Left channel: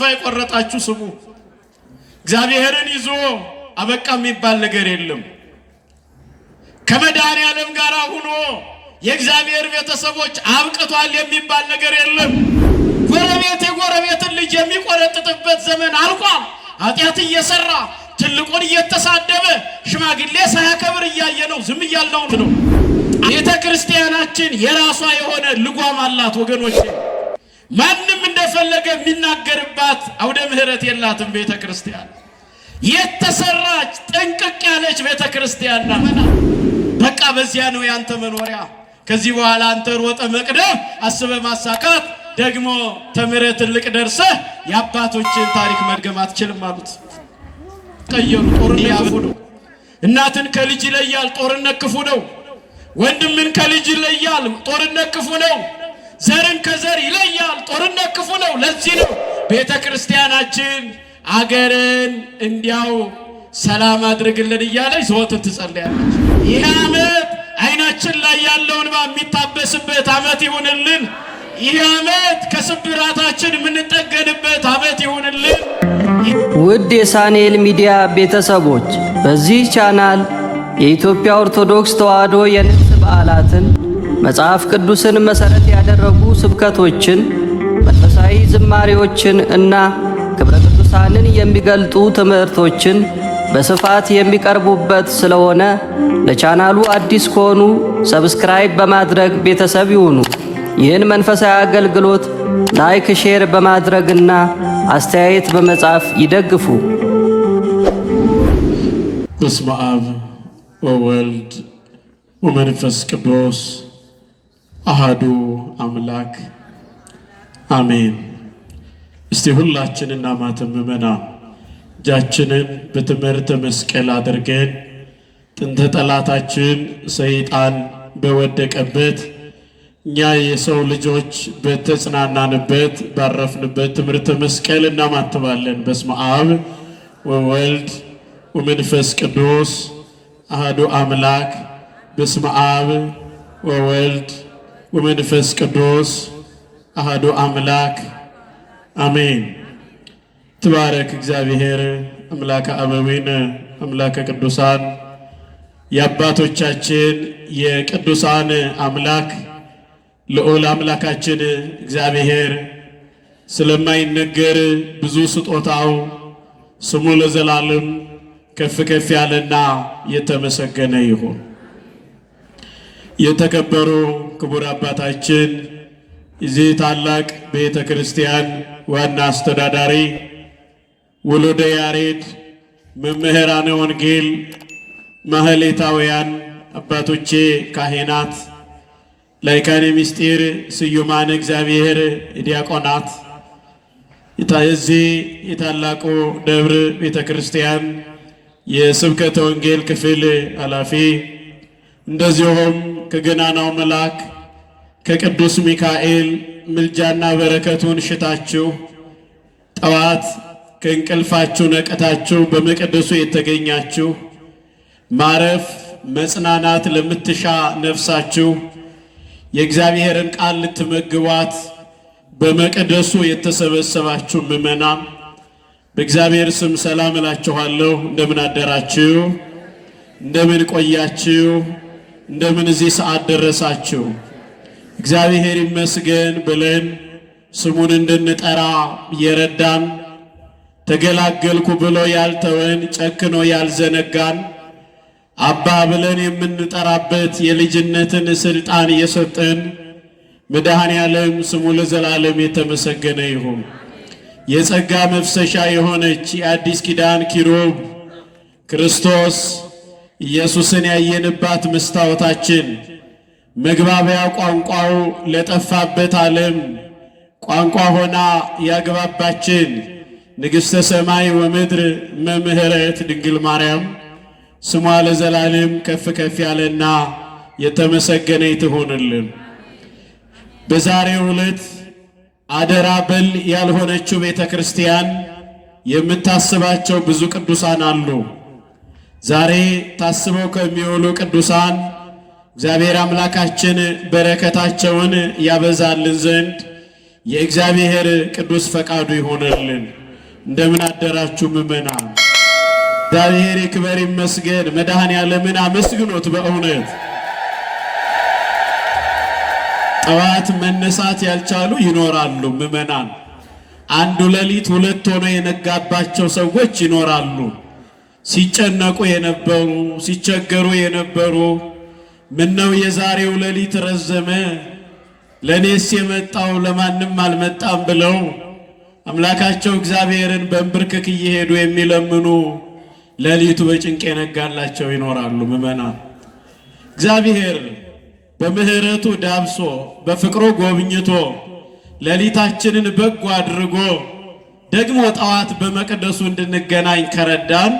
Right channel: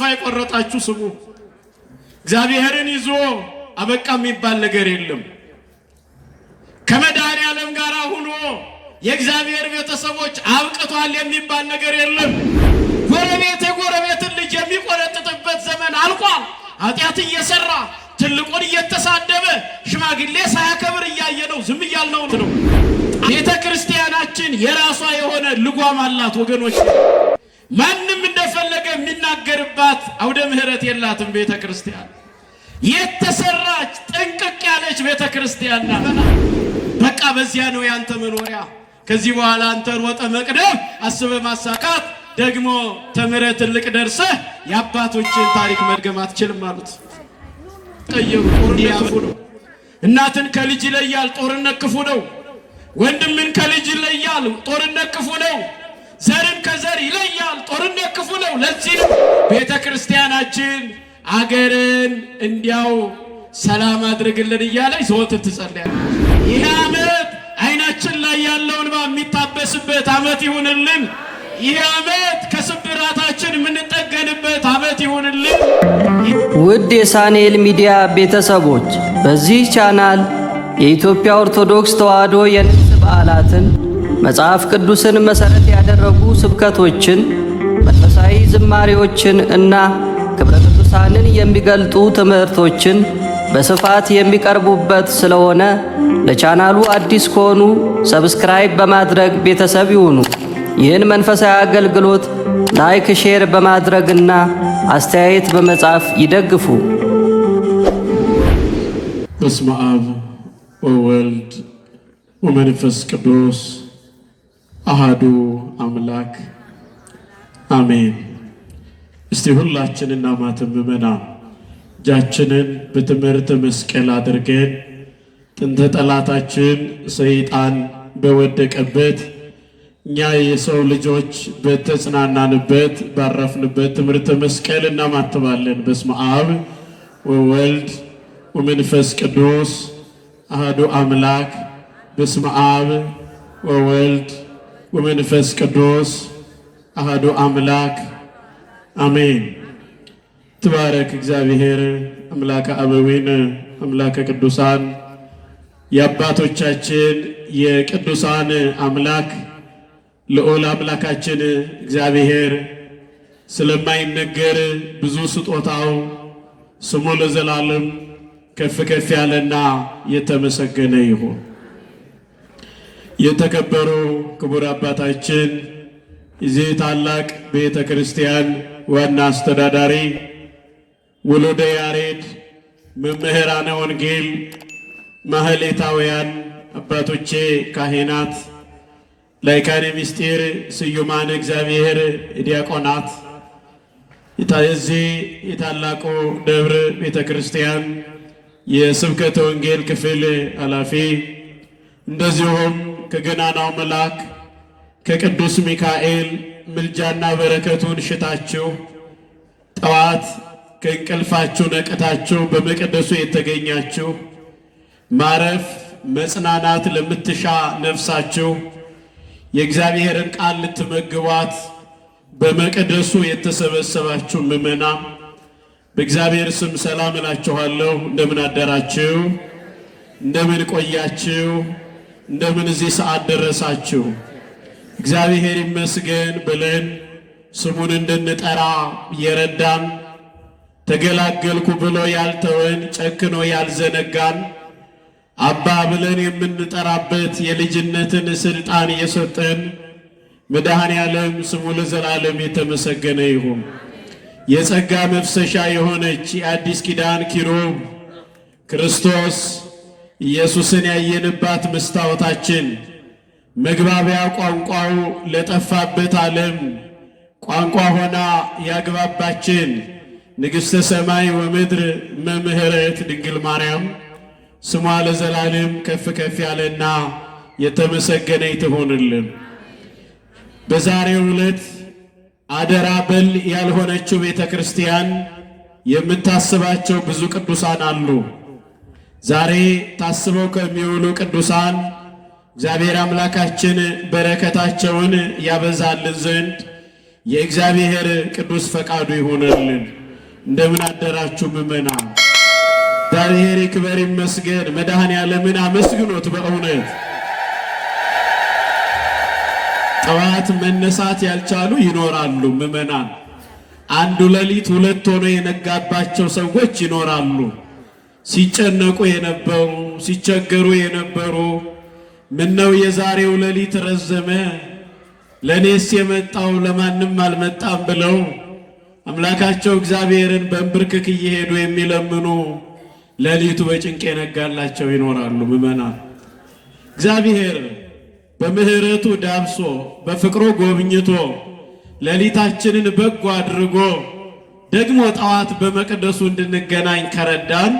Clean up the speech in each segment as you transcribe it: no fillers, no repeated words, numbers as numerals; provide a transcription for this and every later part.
ተስፋ የቆረጣችሁ ስሙ። እግዚአብሔርን ይዞ አበቃ የሚባል ነገር የለም። ከመድኃኔዓለም ጋር ሆኖ የእግዚአብሔር ቤተሰቦች አብቅቷል የሚባል ነገር የለም። ጎረቤት የጎረቤትን ልጅ የሚቆረጥጥበት ዘመን አልቋል። ኃጢአት እየሰራ ትልቁን እየተሳደበ ሽማግሌ ሳያከብር እያየነው ዝም እያልነው ነው። ቤተ ክርስቲያናችን የራሷ የሆነ ልጓም አላት ወገኖች። ማንም እንደፈለገ የሚናገርባት አውደ ምህረት የላትም ቤተ ክርስቲያን። የተሰራች ጥንቅቅ ያለች ቤተ ክርስቲያን ናት። በቃ በዚያ ነው ያንተ መኖሪያ። ከዚህ በኋላ አንተ ሮጠ መቅደም አስበ ማሳካት ደግሞ ተምረህ ትልቅ ደርሰህ የአባቶችን ታሪክ መድገም አትችልም አሉት። ቀየሩ። ጦርነት ክፉ ነው። እናትን ከልጅ ይለያል፣ ጦርነት ክፉ ነው። ወንድምን ከልጅ ይለያል፣ ጦርነት ክፉ ነው። ዘርን ከዘር ይለያል፣ ጦርነት ክፉ ነው። ለዚህ ነው ቤተ ክርስቲያናችን አገርን እንዲያው ሰላም አድርግልን እያለች ዘወትር ትጸልያለች። ይህ ዓመት አይናችን ላይ ያለው እንባ የሚታበስበት ዓመት ይሁንልን። ይህ ዓመት ከስብራታችን የምንጠገንበት ዓመት ይሁንልን። ውድ የሳንኤል ሚዲያ ቤተሰቦች በዚህ ቻናል የኢትዮጵያ ኦርቶዶክስ ተዋሕዶ የንግስ በዓላትን፣ መጽሐፍ ቅዱስን መሠረት ያደረጉ ስብከቶችን፣ መንፈሳዊ ዝማሬዎችን እና ክብረ ቅዱሳንን የሚገልጡ ትምህርቶችን በስፋት የሚቀርቡበት ስለሆነ ለቻናሉ አዲስ ከሆኑ ሰብስክራይብ በማድረግ ቤተሰብ ይሁኑ። ይህን መንፈሳዊ አገልግሎት ላይክ፣ ሼር በማድረግና አስተያየት በመጻፍ ይደግፉ። በስመ አብ ወወልድ ወመንፈስ ቅዱስ አሃዱ አምላክ አሜን። እስቲ ሁላችንና ማተም ምእመናን እጃችንን በትምህርተ መስቀል አድርገን ጥንተ ጠላታችን ሰይጣን በወደቀበት እኛ የሰው ልጆች በተጽናናንበት ባረፍንበት ትምህርተ መስቀል እናማትባለን። በስመ አብ ወወልድ ወመንፈስ ቅዱስ አሐዱ አምላክ። በስመ አብ ወወልድ ወመንፈስ ቅዱስ አሐዱ አምላክ አሜን። ትባረክ እግዚአብሔር አምላከ አበዊነ አምላከ ቅዱሳን የአባቶቻችን የቅዱሳን አምላክ ልዑል አምላካችን እግዚአብሔር ስለማይነገር ብዙ ስጦታው ስሙ ለዘላለም ከፍ ከፍ ያለና የተመሰገነ ይሁን። የተከበሩ ክቡር አባታችን የዚህ ታላቅ ቤተ ክርስቲያን ዋና አስተዳዳሪ ወልደ ያሬድ፣ መምህራነ ወንጌል፣ ማህሌታውያን አባቶቼ ካህናት፣ ላይካነ ምስጢር፣ ስዩማን እግዚአብሔር ዲያቆናት፣ የዚህ የታላቁ ደብር ቤተ ክርስቲያን የስብከተ ወንጌል ክፍል ኃላፊ፣ እንደዚሁም ከገናናው መልአክ ከቅዱስ ሚካኤል ምልጃና በረከቱን ሽታችሁ ጠዋት ከእንቅልፋችሁ ነቅታችሁ በመቅደሱ የተገኛችሁ ማረፍ መጽናናት ለምትሻ ነፍሳችሁ የእግዚአብሔርን ቃል ልትመግቧት በመቅደሱ የተሰበሰባችሁ ምእመናን በእግዚአብሔር ስም ሰላም እላችኋለሁ። እንደምን አደራችሁ? እንደምን ቆያችሁ? እንደምን እዚህ ሰዓት ደረሳችሁ? እግዚአብሔር ይመስገን ብለን ስሙን እንድንጠራ የረዳን፣ ተገላገልኩ ብሎ ያልተወን፣ ጨክኖ ያልዘነጋን፣ አባ ብለን የምንጠራበት የልጅነትን ስልጣን የሰጠን መድኃኔዓለም ስሙ ለዘላለም የተመሰገነ ይሁን። የጸጋ መፍሰሻ የሆነች የአዲስ ኪዳን ኪሩብ ክርስቶስ ኢየሱስን ያየንባት መስታወታችን፣ መግባቢያ ቋንቋው ለጠፋበት ዓለም ቋንቋ ሆና ያግባባችን ንግሥተ ሰማይ ወምድር መምህረት ድንግል ማርያም ስሟ ለዘላለም ከፍ ከፍ ያለና የተመሰገነ ይሁንልን። በዛሬው ዕለት አደራ በል ያልሆነችው ቤተ ክርስቲያን የምታስባቸው ብዙ ቅዱሳን አሉ። ዛሬ ታስበው ከሚውሉ ቅዱሳን እግዚአብሔር አምላካችን በረከታቸውን ያበዛልን ዘንድ የእግዚአብሔር ቅዱስ ፈቃዱ ይሆነልን። እንደምን አደራችሁ ምእመናን? እግዚአብሔር ይክበር ይመስገን። መድኃኔዓለምን አመስግኖት። በእውነት ጠዋት መነሳት ያልቻሉ ይኖራሉ ምእመናን። አንዱ ሌሊት ሁለት ሆኖ የነጋባቸው ሰዎች ይኖራሉ። ሲጨነቁ የነበሩ ሲቸገሩ የነበሩ ምነው የዛሬው ሌሊት ረዘመ፣ ለኔስ የመጣው ለማንም አልመጣም ብለው አምላካቸው እግዚአብሔርን በእንብርክክ እየሄዱ የሚለምኑ ሌሊቱ በጭንቅ የነጋላቸው ይኖራሉ ምእመናን። እግዚአብሔር በምሕረቱ ዳብሶ በፍቅሩ ጎብኝቶ ሌሊታችንን በጎ አድርጎ ደግሞ ጠዋት በመቅደሱ እንድንገናኝ ከረዳን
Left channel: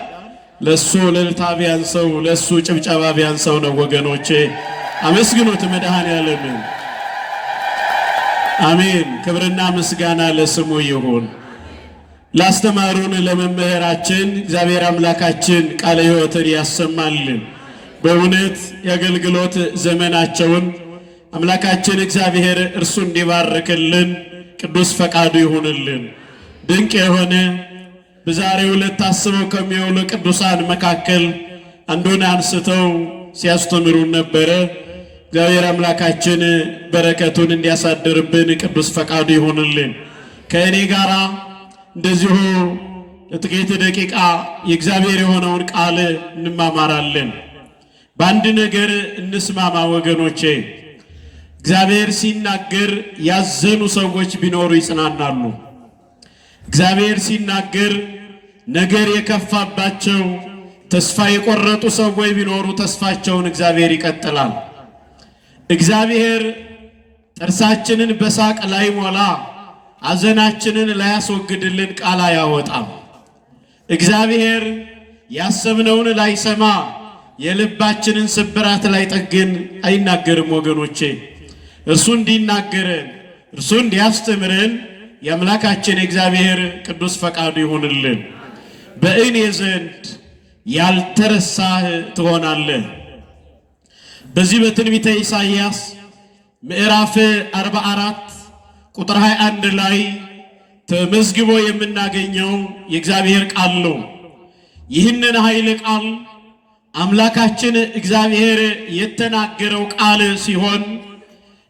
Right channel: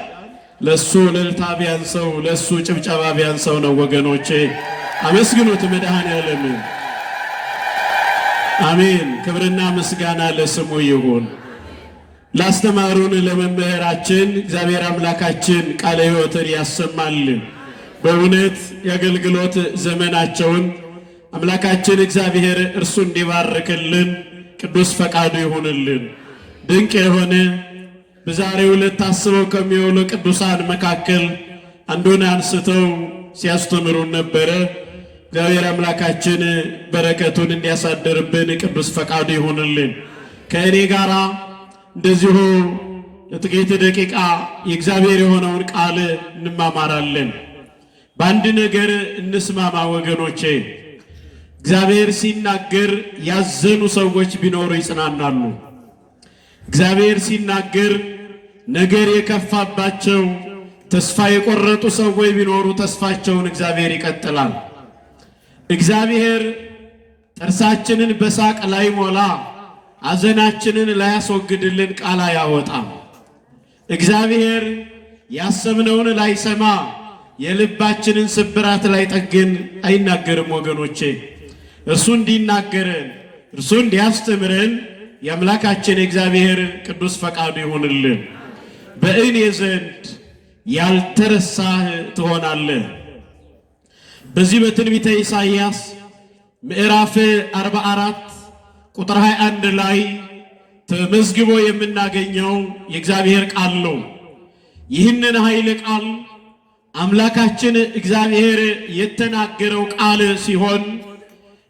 ለሱ እልልታ ቢያንሰው ለሱ ጭብጨባ ቢያንሰው ነው ወገኖቼ። አመስግኑት መድኃኔዓለምን። አሜን። ክብርና ምስጋና ለስሙ ይሁን። ላስተማሩን ለመምህራችን እግዚአብሔር አምላካችን ቃለ ሕይወትን ያሰማልን። በእውነት የአገልግሎት ዘመናቸውን አምላካችን እግዚአብሔር እርሱ እንዲባርክልን ቅዱስ ፈቃዱ ይሁንልን። ድንቅ የሆነ በዛሬው ዕለት ታስበው ከሚውሉ ቅዱሳን መካከል አንዱን አንስተው ሲያስተምሩን ነበረ። እግዚአብሔር አምላካችን በረከቱን እንዲያሳድርብን ቅዱስ ፈቃዱ ይሁንልን። ከእኔ ጋር እንደዚሁ ለጥቂት ደቂቃ የእግዚአብሔር የሆነውን ቃል እንማማራለን። በአንድ ነገር እንስማማ ወገኖቼ። እግዚአብሔር ሲናገር ያዘኑ ሰዎች ቢኖሩ ይጽናናሉ። እግዚአብሔር ሲናገር ነገር የከፋባቸው ተስፋ የቆረጡ ሰዎች ቢኖሩ ተስፋቸውን እግዚአብሔር ይቀጥላል። እግዚአብሔር ጥርሳችንን በሳቅ ላይ ሞላ ሐዘናችንን ላያስወግድልን ቃል አያወጣም። እግዚአብሔር ያሰብነውን ላይሰማ የልባችንን ስብራት ላይ ጠግን አይናገርም ወገኖቼ። እርሱ እንዲናገረን እርሱ እንዲያስተምረን የአምላካችን የእግዚአብሔር ቅዱስ ፈቃዱ ይሁንልን። በእኔ ዘንድ ያልተረሳህ ትሆናለህ። በዚህ በትንቢተ ኢሳይያስ ምዕራፍ 44 ቁጥር 21 ላይ ተመዝግቦ የምናገኘው የእግዚአብሔር ቃል ነው። ይህንን ኃይለ ቃል አምላካችን እግዚአብሔር የተናገረው ቃል ሲሆን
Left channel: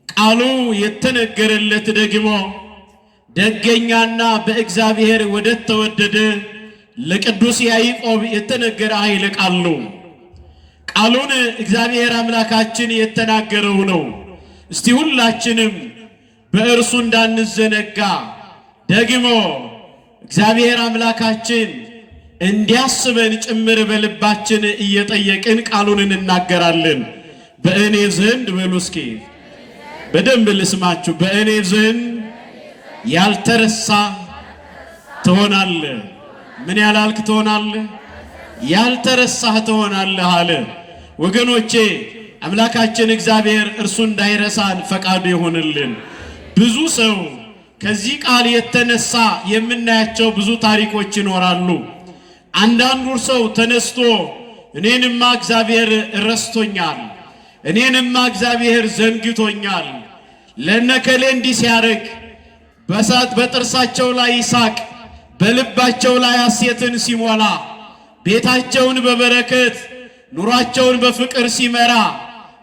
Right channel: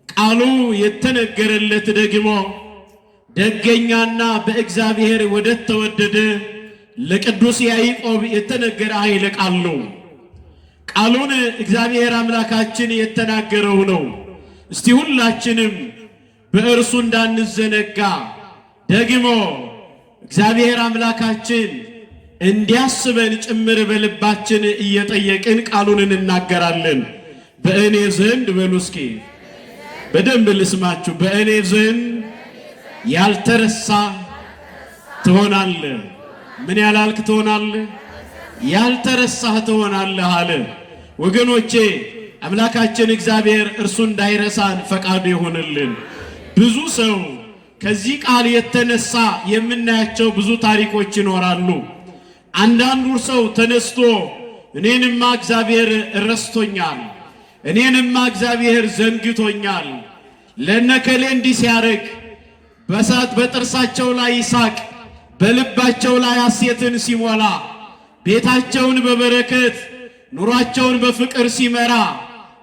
ቃሉ የተነገረለት ደግሞ ደገኛና በእግዚአብሔር ወደ ተወደደ ለቅዱስ ያዕቆብ የተነገረ ኃይለ ቃል ነው። ቃሉን እግዚአብሔር አምላካችን የተናገረው ነው። እስቲ ሁላችንም በእርሱ እንዳንዘነጋ ደግሞ እግዚአብሔር አምላካችን እንዲያስበን ጭምር በልባችን እየጠየቅን ቃሉን እንናገራለን። በእኔ ዘንድ በሉ እስኪ በደንብ ልስማችሁ። በእኔ ዘንድ ያልተረሳ ትሆናለህ። ምን ያላልክ ትሆናለህ? ያልተረሳህ ትሆናለህ አለ። ወገኖቼ አምላካችን እግዚአብሔር እርሱ እንዳይረሳን ፈቃዱ ይሁንልን። ብዙ ሰው ከዚህ ቃል የተነሳ የምናያቸው ብዙ ታሪኮች ይኖራሉ። አንዳንዱ ሰው ተነስቶ እኔንማ እግዚአብሔር ረስቶኛል፣ እኔንማ እግዚአብሔር ዘንግቶኛል፣ ለነከሌ እንዲህ ሲያደርግ በጥርሳቸው ላይ ይሳቅ፣ በልባቸው ላይ ሐሴትን ሲሞላ፣ ቤታቸውን በበረከት ኑሯቸውን በፍቅር ሲመራ፣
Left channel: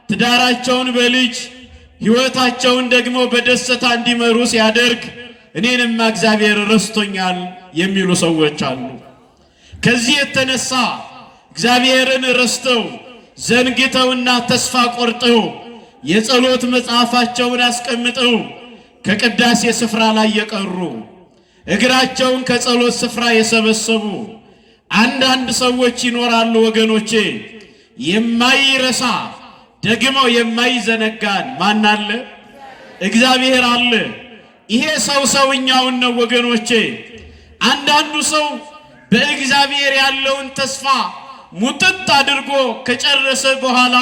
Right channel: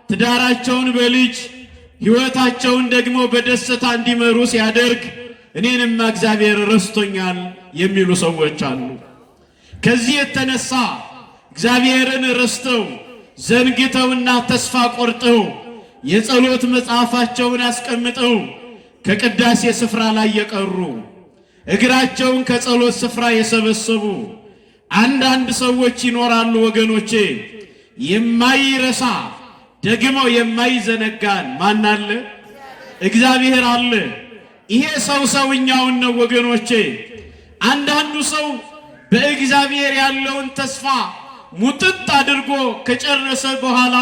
ትዳራቸውን በልጅ ሕይወታቸውን ደግሞ በደስታ እንዲመሩ ሲያደርግ እኔንማ እግዚአብሔር ረስቶኛል የሚሉ ሰዎች አሉ። ከዚህ የተነሳ እግዚአብሔርን ረስተው ዘንግተውና ተስፋ ቆርጠው የጸሎት መጽሐፋቸውን አስቀምጠው ከቅዳሴ ስፍራ ላይ የቀሩ እግራቸውን ከጸሎት ስፍራ የሰበሰቡ አንዳንድ ሰዎች ይኖራሉ ወገኖቼ። የማይረሳ ደግሞ የማይዘነጋን ማን አለ? እግዚአብሔር አለ። ይሄ ሰውኛውን ነው ወገኖቼ። አንዳንዱ ሰው በእግዚአብሔር ያለውን ተስፋ ሙጥጥ አድርጎ ከጨረሰ በኋላ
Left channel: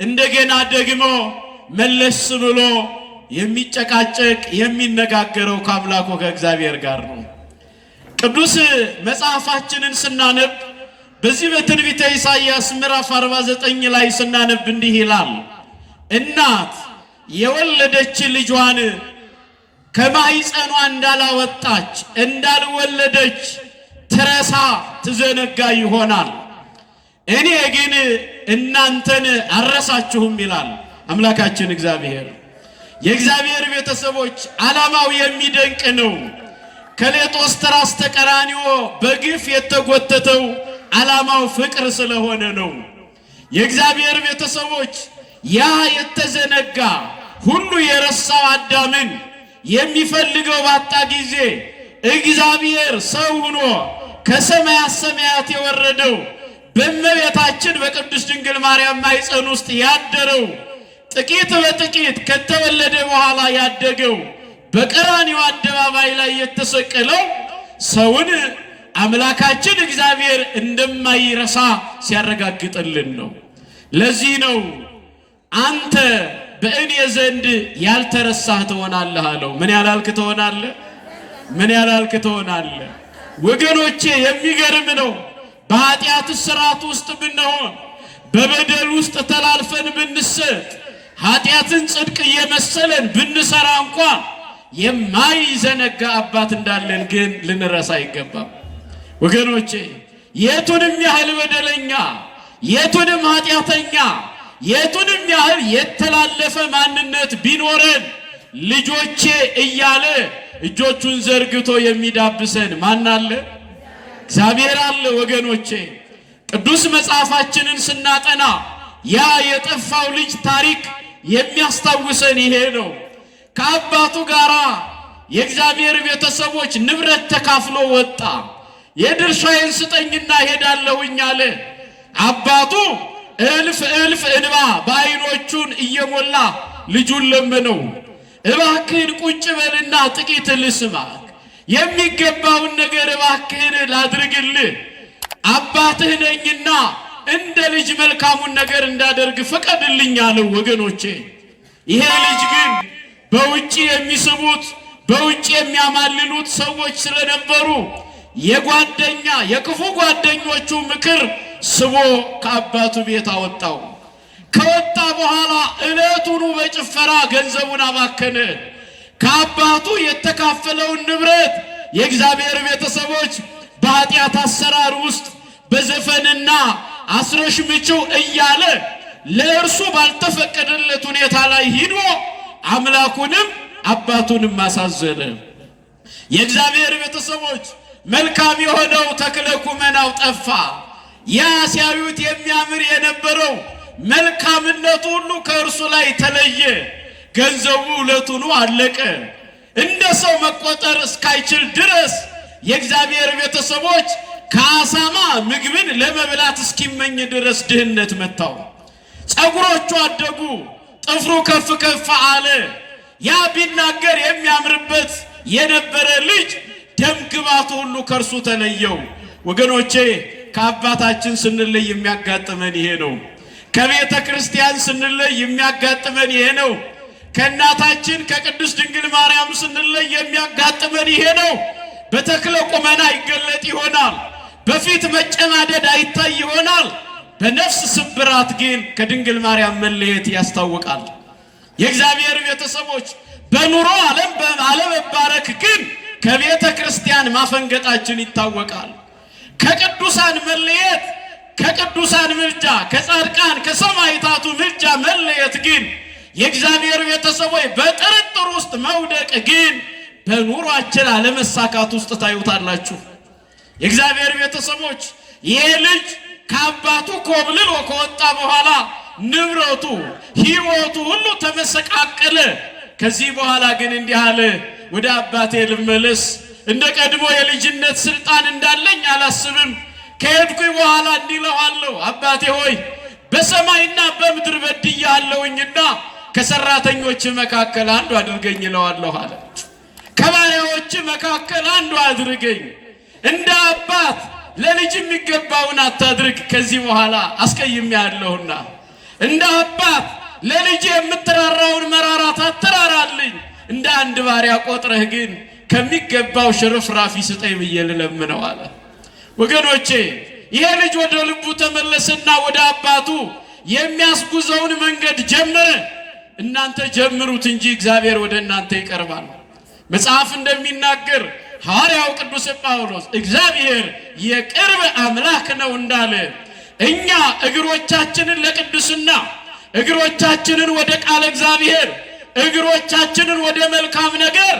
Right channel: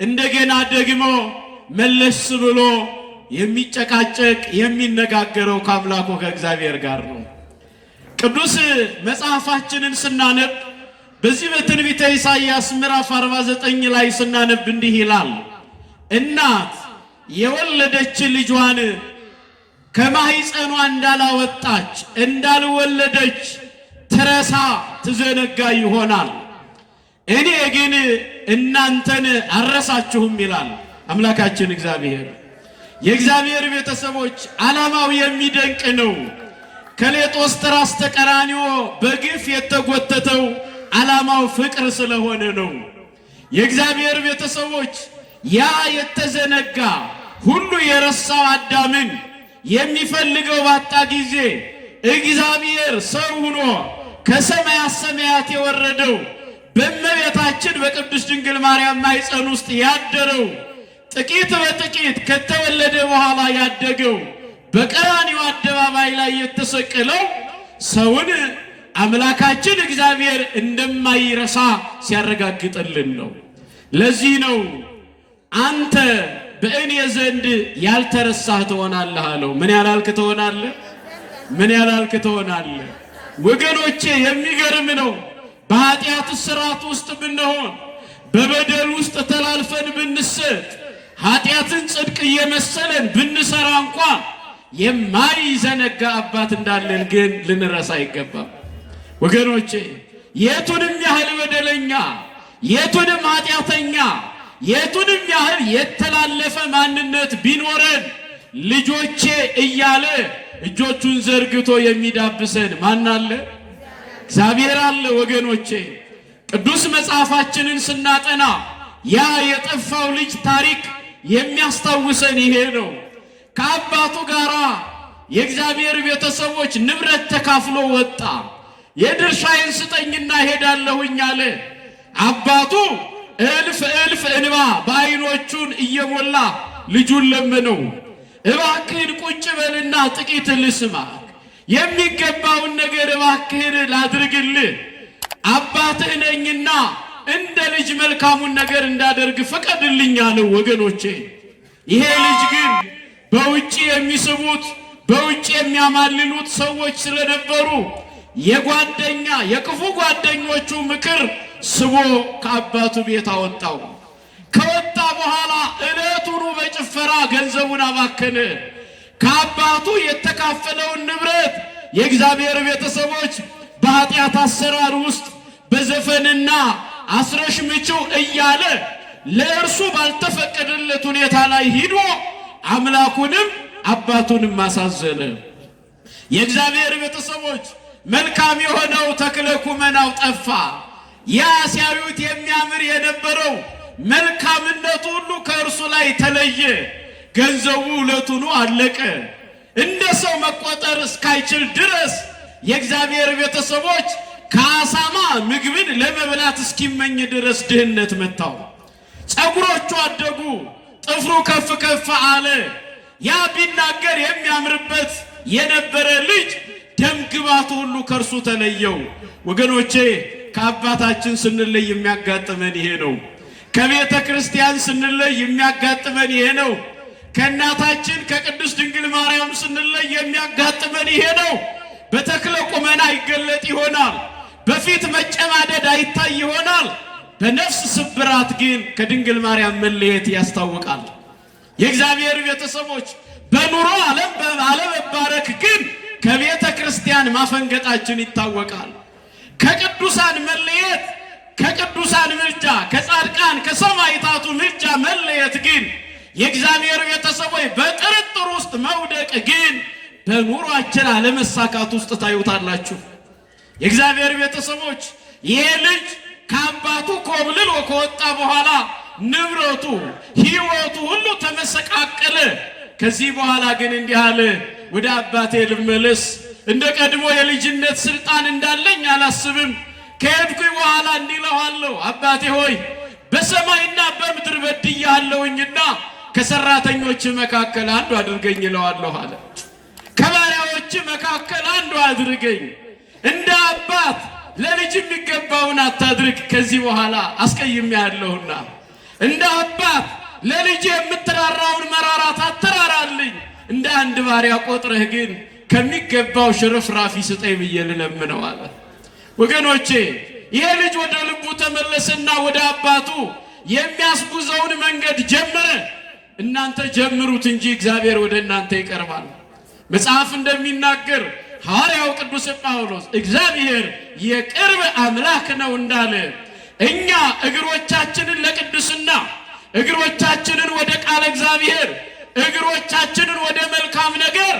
እንደገና ደግሞ መለስ ብሎ የሚጨቃጨቅ የሚነጋገረው ከአምላኩ ከእግዚአብሔር ጋር ነው። ቅዱስ መጽሐፋችንን ስናነብ በዚህ በትንቢተ ኢሳይያስ ምዕራፍ 49 ላይ ስናነብ እንዲህ ይላል፣ እናት የወለደች ልጇን ከማኅፀኗ እንዳላወጣች እንዳልወለደች ትረሳ ትዘነጋ ይሆናል። እኔ ግን እናንተን አልረሳችሁም ይላል አምላካችን እግዚአብሔር። የእግዚአብሔር ቤተሰቦች ዓላማው የሚደንቅ ነው። ከሌጦስ ተራስ ተቀራንዮ በግፍ የተጎተተው ዓላማው ፍቅር ስለሆነ ነው። የእግዚአብሔር ቤተሰቦች ያ የተዘነጋ ሁሉ የረሳው አዳምን የሚፈልገው ባጣ ጊዜ እግዚአብሔር ሰው ሆኖ ከሰማያት ሰማያት የወረደው በእመቤታችን በቅድስት ድንግል ማርያም ማኅፀን ውስጥ ያደረው ጥቂት በጥቂት ከተወለደ በኋላ ያደገው በቀራንዮ አደባባይ ላይ የተሰቀለው ሰውን አምላካችን እግዚአብሔር እንደማይረሳ ሲያረጋግጥልን ነው። ለዚህ ነው አንተ በእኔ ዘንድ ያልተረሳህ ትሆናለህ አለው። ምን ያላልክ ትሆናለህ? ምን ያላልክ ትሆናለህ? ወገኖቼ የሚገርም ነው። በኃጢአት ስርዓት ውስጥ ብንሆን፣ በበደል ውስጥ ተላልፈን ብንሰጥ፣ ኃጢአትን ጽድቅ እየመሰለን ብንሰራ እንኳን የማይዘነጋ አባት እንዳለን ግን ልንረሳ አይገባም። ወገኖቼ የቱንም ያህል በደለኛ፣ የቱንም ኃጢአተኛ፣ የቱንም ያህል የተላለፈ ማንነት ቢኖረን ልጆቼ እያለ እጆቹን ዘርግቶ የሚዳብሰን ማን አለ? እግዚአብሔር አለ። ወገኖቼ ቅዱስ መጽሐፋችንን ስናጠና ያ የጠፋው ልጅ ታሪክ የሚያስታውሰን ይሄ ነው። ከአባቱ ጋር የእግዚአብሔር ቤተሰቦች ንብረት ተካፍሎ ወጣ። የድርሻዬን ስጠኝና ሄዳለሁኝ አለ። አባቱ እልፍ እልፍ እንባ በዓይኖቹን እየሞላ ልጁን ለመነው። እባክህን ቁጭ በልና ጥቂት ልስማ፣ የሚገባውን ነገር እባክህን ላድርግልህ፣ አባትህ ነኝና እንደ ልጅ መልካሙን ነገር እንዳደርግ ፍቀድልኝ አለው። ወገኖቼ ይሄ ልጅ ግን በውጭ የሚስቡት በውጭ የሚያማልሉት ሰዎች ስለነበሩ የክፉ ጓደኞቹ ምክር ስቦ ከአባቱ ቤት አወጣው። ከወጣ በኋላ ዕለቱኑ በጭፈራ ገንዘቡን አባከነ። ከአባቱ የተካፈለውን ንብረት የእግዚአብሔር ቤተሰቦች በኃጢአት አሰራር ውስጥ በዘፈንና አስረሽ ምችው እያለ ለእርሱ ባልተፈቀደለት ሁኔታ ላይ ሂዶ አምላኩንም አባቱንም አሳዘነ። የእግዚአብሔር ቤተሰቦች መልካም የሆነው ተክለ ኩመናው ጠፋ። ያ ሲያዩት የሚያምር የነበረው መልካምነቱ ሁሉ ከእርሱ ላይ ተለየ። ገንዘቡ ዕለቱኑ አለቀ። እንደ ሰው መቆጠር እስካይችል ድረስ የእግዚአብሔር ቤተሰቦች ከአሳማ ምግብን ለመብላት እስኪመኝ ድረስ ድህነት መታው። ፀጉሮቹ አደጉ፣ ጥፍሩ ከፍ ከፍ አለ። ያ ቢናገር የሚያምርበት የነበረ ልጅ ደም ግባቱ ሁሉ ከእርሱ ተለየው። ወገኖቼ ከአባታችን ስንለይ የሚያጋጥመን ይሄ ነው። ከቤተ ክርስቲያን ስንለይ የሚያጋጥመን ይሄ ነው። ከእናታችን ከቅድስት ድንግል ማርያም ስንለይ የሚያጋጥመን ይሄ ነው። በተክለ ቁመና ይገለጥ ይሆናል፣ በፊት መጨማደድ አይታይ ይሆናል። በነፍስ ስብራት ግን ከድንግል ማርያም መለየት ያስታውቃል። የእግዚአብሔር ቤተሰቦች በኑሮ አለመባረክ ግን ከቤተ ክርስቲያን ማፈንገጣችን ይታወቃል። ከቅዱሳን መለየት፣ ከቅዱሳን ምልጃ፣ ከጻድቃን ከሰማዕታቱ ምልጃ መለየት ግን የእግዚአብሔር ቤተሰቦች በጥርጥር ውስጥ መውደቅ ግን በኑሯችን አለመሳካት ውስጥ ታዩታላችሁ። የእግዚአብሔር ቤተሰቦች ይሄ ልጅ ከአባቱ ኮብልሎ ከወጣ በኋላ ንብረቱ ሕይወቱ ሁሉ ተመሰቃቀለ። ከዚህ በኋላ ግን እንዲህ አለ፣ ወደ አባቴ ልመለስ፣ እንደ ቀድሞ የልጅነት ስልጣን እንዳለኝ አላስብም። ከሄድኩኝ በኋላ እንዲህ እለዋለሁ፣ አባቴ ሆይ በሰማይና በምድር በድያለሁኝና ከሰራተኞች መካከል አንዱ አድርገኝ እለዋለሁ አለ። ከባሪያዎች መካከል አንዱ አድርገኝ። እንደ አባት ለልጅ የሚገባውን አታድርግ፣ ከዚህ በኋላ አስቀይሜሃለሁና። እንደ አባት ለልጅ የምትራራውን መራራት አትራራልኝ። እንደ አንድ ባሪያ ቆጥረህ ግን ከሚገባው ሽርፍራፊ ስጠኝ ብዬ ልለምነው አለ። ወገኖቼ ይሄ ልጅ ወደ ልቡ ተመለሰና ወደ አባቱ የሚያስጉዘውን መንገድ ጀመረ። እናንተ ጀምሩት እንጂ እግዚአብሔር ወደ እናንተ ይቀርባል። መጽሐፍ እንደሚናገር ሐዋርያው ቅዱስ ጳውሎስ እግዚአብሔር የቅርብ አምላክ ነው እንዳለ እኛ እግሮቻችንን ለቅድስና እግሮቻችንን ወደ ቃል እግዚአብሔር እግሮቻችንን ወደ መልካም ነገር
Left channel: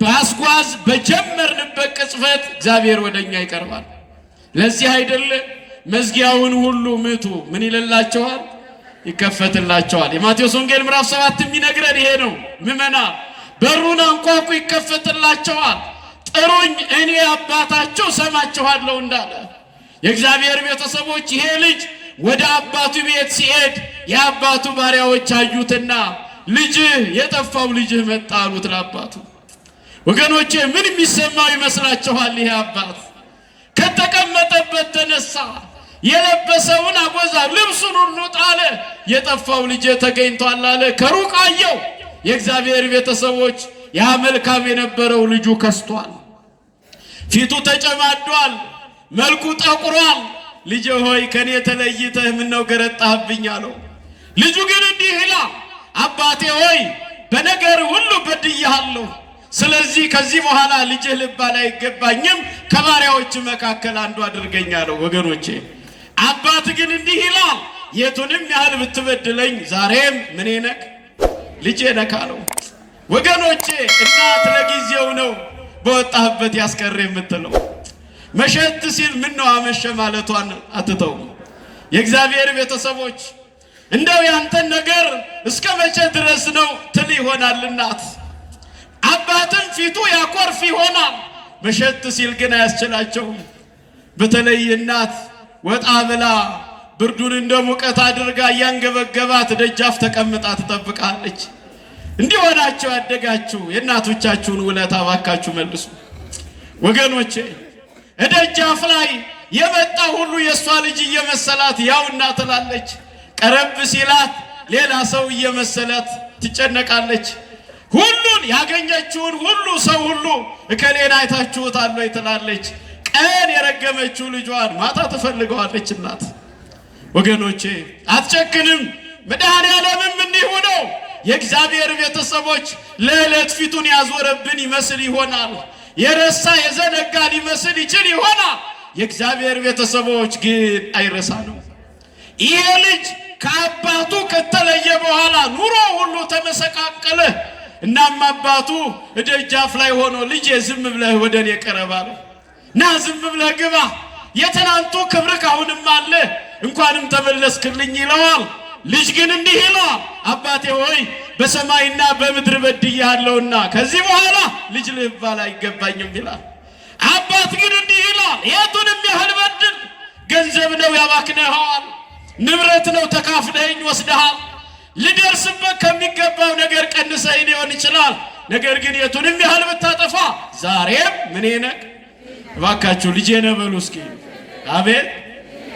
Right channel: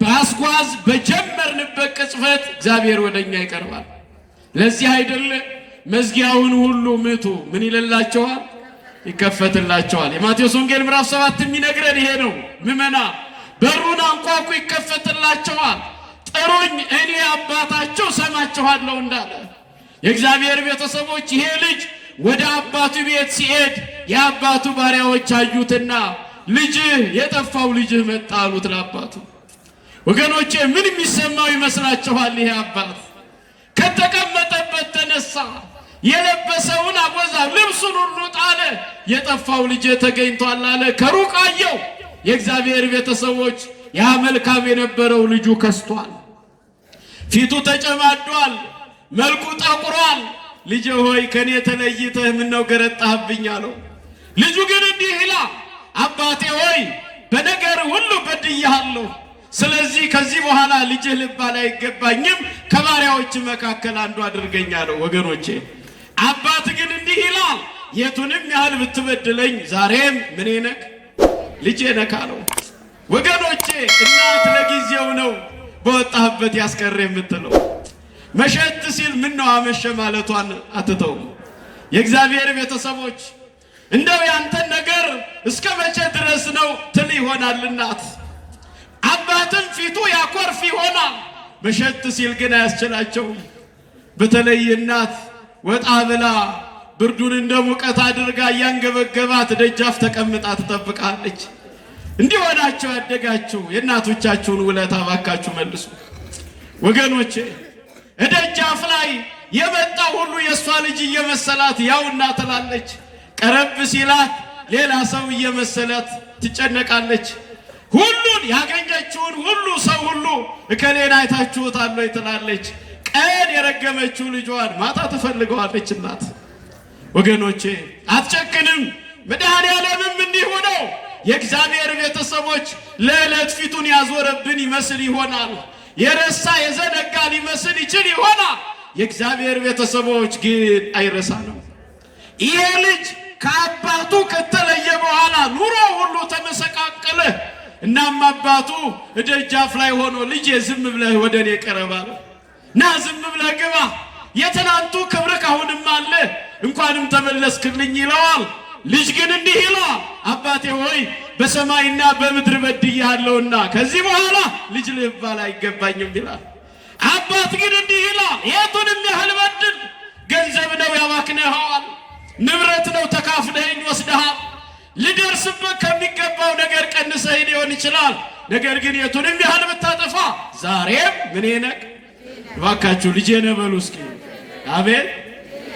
ባስጓዝ በጀመርንበት ቅጽበት እግዚአብሔር ወደኛ ይቀርባል። ለዚህ አይደለ መዝጊያውን ሁሉ ምቱ ምን ይለላቸዋል? ይከፈትላቸዋል። የማቴዎስ ወንጌል ምዕራፍ 7 የሚነግረን ይሄ ነው። ምመና በሩን አንኳኩ ይከፈትላቸዋል፣ ጥሩኝ እኔ አባታችሁ ሰማችኋለሁ እንዳለ የእግዚአብሔር ቤተሰቦች ይሄ ልጅ ወደ አባቱ ቤት ሲሄድ የአባቱ ባሪያዎች አዩትና ልጅህ የጠፋው ልጅህ መጣ አሉት ለአባቱ። ወገኖቼ ምን የሚሰማው ይመስላችኋል? ይሄ አባት ከተቀመጠበት ተነሳ፣ የለበሰውን አጎዛ ልብሱን ሁሉ ጣለ። የጠፋው ልጅ ተገኝቷል አለ። ከሩቅ አየው። የእግዚአብሔር ቤተሰቦች ያ መልካም የነበረው ልጁ ከስቷል፣ ፊቱ ተጨማዷል፣ መልኩ ጠቁሯል። ልጅ ሆይ ከኔ ተለይተህ ምነው ገረጣህብኝ አለው። ልጁ ግን እንዲህ ይላል፣ አባቴ ሆይ በነገር ሁሉ በድያለሁ፣ ስለዚህ ከዚህ በኋላ ልጅህ ልባል አይገባኝም፣ ከባሪያዎች መካከል አንዱ አድርገኝ አለው። ወገኖቼ አባት ግን እንዲህ ይላል፣ የቱንም ያህል ብትበድለኝ ዛሬም ምን ነክ ልጄ ነክ አለው። ወገኖቼ እናት ለጊዜው ነው በወጣህበት ያስቀር የምትለው። መሸት ሲል ምን ነው አመሸ ማለቷን አትተው። የእግዚአብሔር ቤተሰቦች እንደው ያንተን ነገር እስከ መቼ ድረስ ነው ትል ይሆናል እናት። አባትም ፊቱ ያኮርፍ ይሆናል። መሸት ሲል ግን አያስችላቸው። በተለይ እናት ወጣ ብላ ብርዱን እንደ ሙቀት አድርጋ እያንገበገባት ደጃፍ ተቀምጣ ትጠብቃለች። እንዲሆናቸው ያደጋችሁ የእናቶቻችሁን ውለታ ባካችሁ መልሱ ወገኖቼ። ደጃፍ ላይ የመጣ ሁሉ የሷ ልጅ እየመሰላት ያው እናትላለች። ቀረብ ሲላት ሌላ ሰው እየመሰላት ትጨነቃለች። ሁሉን ያገኘችውን ሁሉ ሰው ሁሉ እከሌን አይታችሁታል ወይ ትላለች። ቀን የረገመችው ልጇን ማታ ትፈልገዋለች እናት። ወገኖቼ አትጨክንም። መድኃኔዓለምም እንዲሁ ነው። የእግዚአብሔር ቤተሰቦች ለዕለት ፊቱን ያዞረብን ይመስል ይሆናል፣ የረሳ የዘነጋ ሊመስል ይችል ይሆናል። የእግዚአብሔር ቤተሰቦች ግን አይረሳ ነው። ይሄ ልጅ ከአባቱ ከተለየ በኋላ ኑሮ ሁሉ ተመሰቃቀለ። እናም አባቱ ደጃፍ ላይ ሆኖ ልጄ ዝም ብለህ ወደ እኔ ቀረባል፣ ና ዝም ብለህ ግባ፣ የትናንቱ ክብርህ አሁንም አለ፣ እንኳንም ተመለስክልኝ ይለዋል። ልጅ ግን እንዲህ ይላል፣ አባቴ ሆይ በሰማይና በምድር በድያለሁና ከዚህ በኋላ ልጅ ልባል አይገባኝም ይላል። አባት ግን እንዲህ ይላል፣ የቱንም ያህል በድል ገንዘብ ነው ያባክነሃል፣ ንብረት ነው ተካፍለኸኝ ወስደሃል፣ ልደርስበት ከሚገባው ነገር ቀንሰኝ ሊሆን ይችላል። ነገር ግን የቱንም ያህል ብታጠፋ ዛሬም ምን ነህ? እባካችሁ ልጄ ነህ በሉ እስኪ። አቤት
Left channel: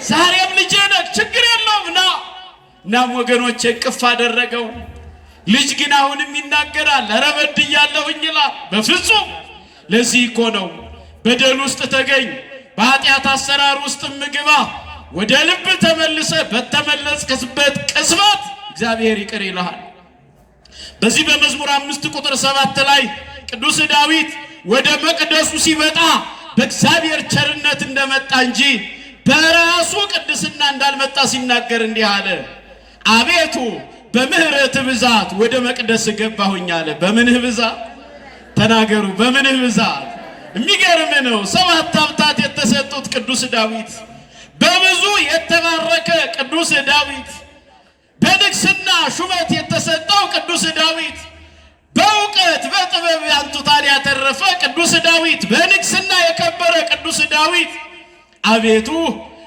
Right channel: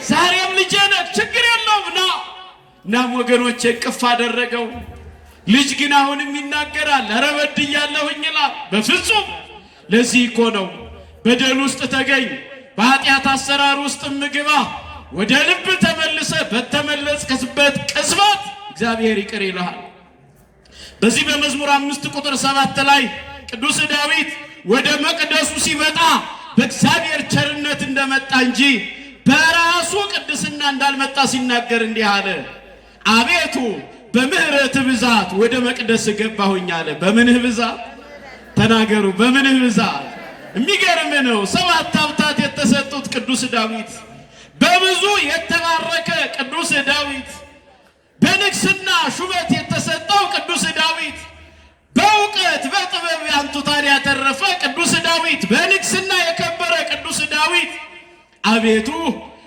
ዛሬም ልጄ ነህ፣ ችግር የለውም ና። እናም ወገኖቼ ቅፍ አደረገው። ልጅ ግን አሁንም ይናገራል፣ ኧረ በድያለሁኝ ይላል። በፍጹም ለዚህ እኮ ነው በደል ውስጥ ተገኝ፣ በኃጢአት አሰራር ውስጥ ምግባ፣ ወደ ልብ ተመልሰ በተመለስክበት ቅጽበት እግዚአብሔር ይቅር ይልሃል። በዚህ በመዝሙር 5 ቁጥር 7 ላይ ቅዱስ ዳዊት ወደ መቅደሱ ሲመጣ በእግዚአብሔር ቸርነት እንደመጣ እንጂ በራሱ ቅድስና እንዳልመጣ ሲናገር እንዲህ አለ፣ አቤቱ በምህረት ብዛት ወደ መቅደስ ገባሁኝ አለ። በምንህ ብዛት ተናገሩ፣ በምንህ ብዛት። የሚገርም ነው። 7 ሀብታት የተሰጡት ቅዱስ ዳዊት፣ በብዙ የተባረከ ቅዱስ ዳዊት፣ በንግስና ሹመት የተሰጠው ቅዱስ ዳዊት፣ በእውቀት በጥበብ አንቱታን ያተረፈ ቅዱስ ዳዊት፣ በንግስና የከበረ ቅዱስ ዳዊት አቤቱ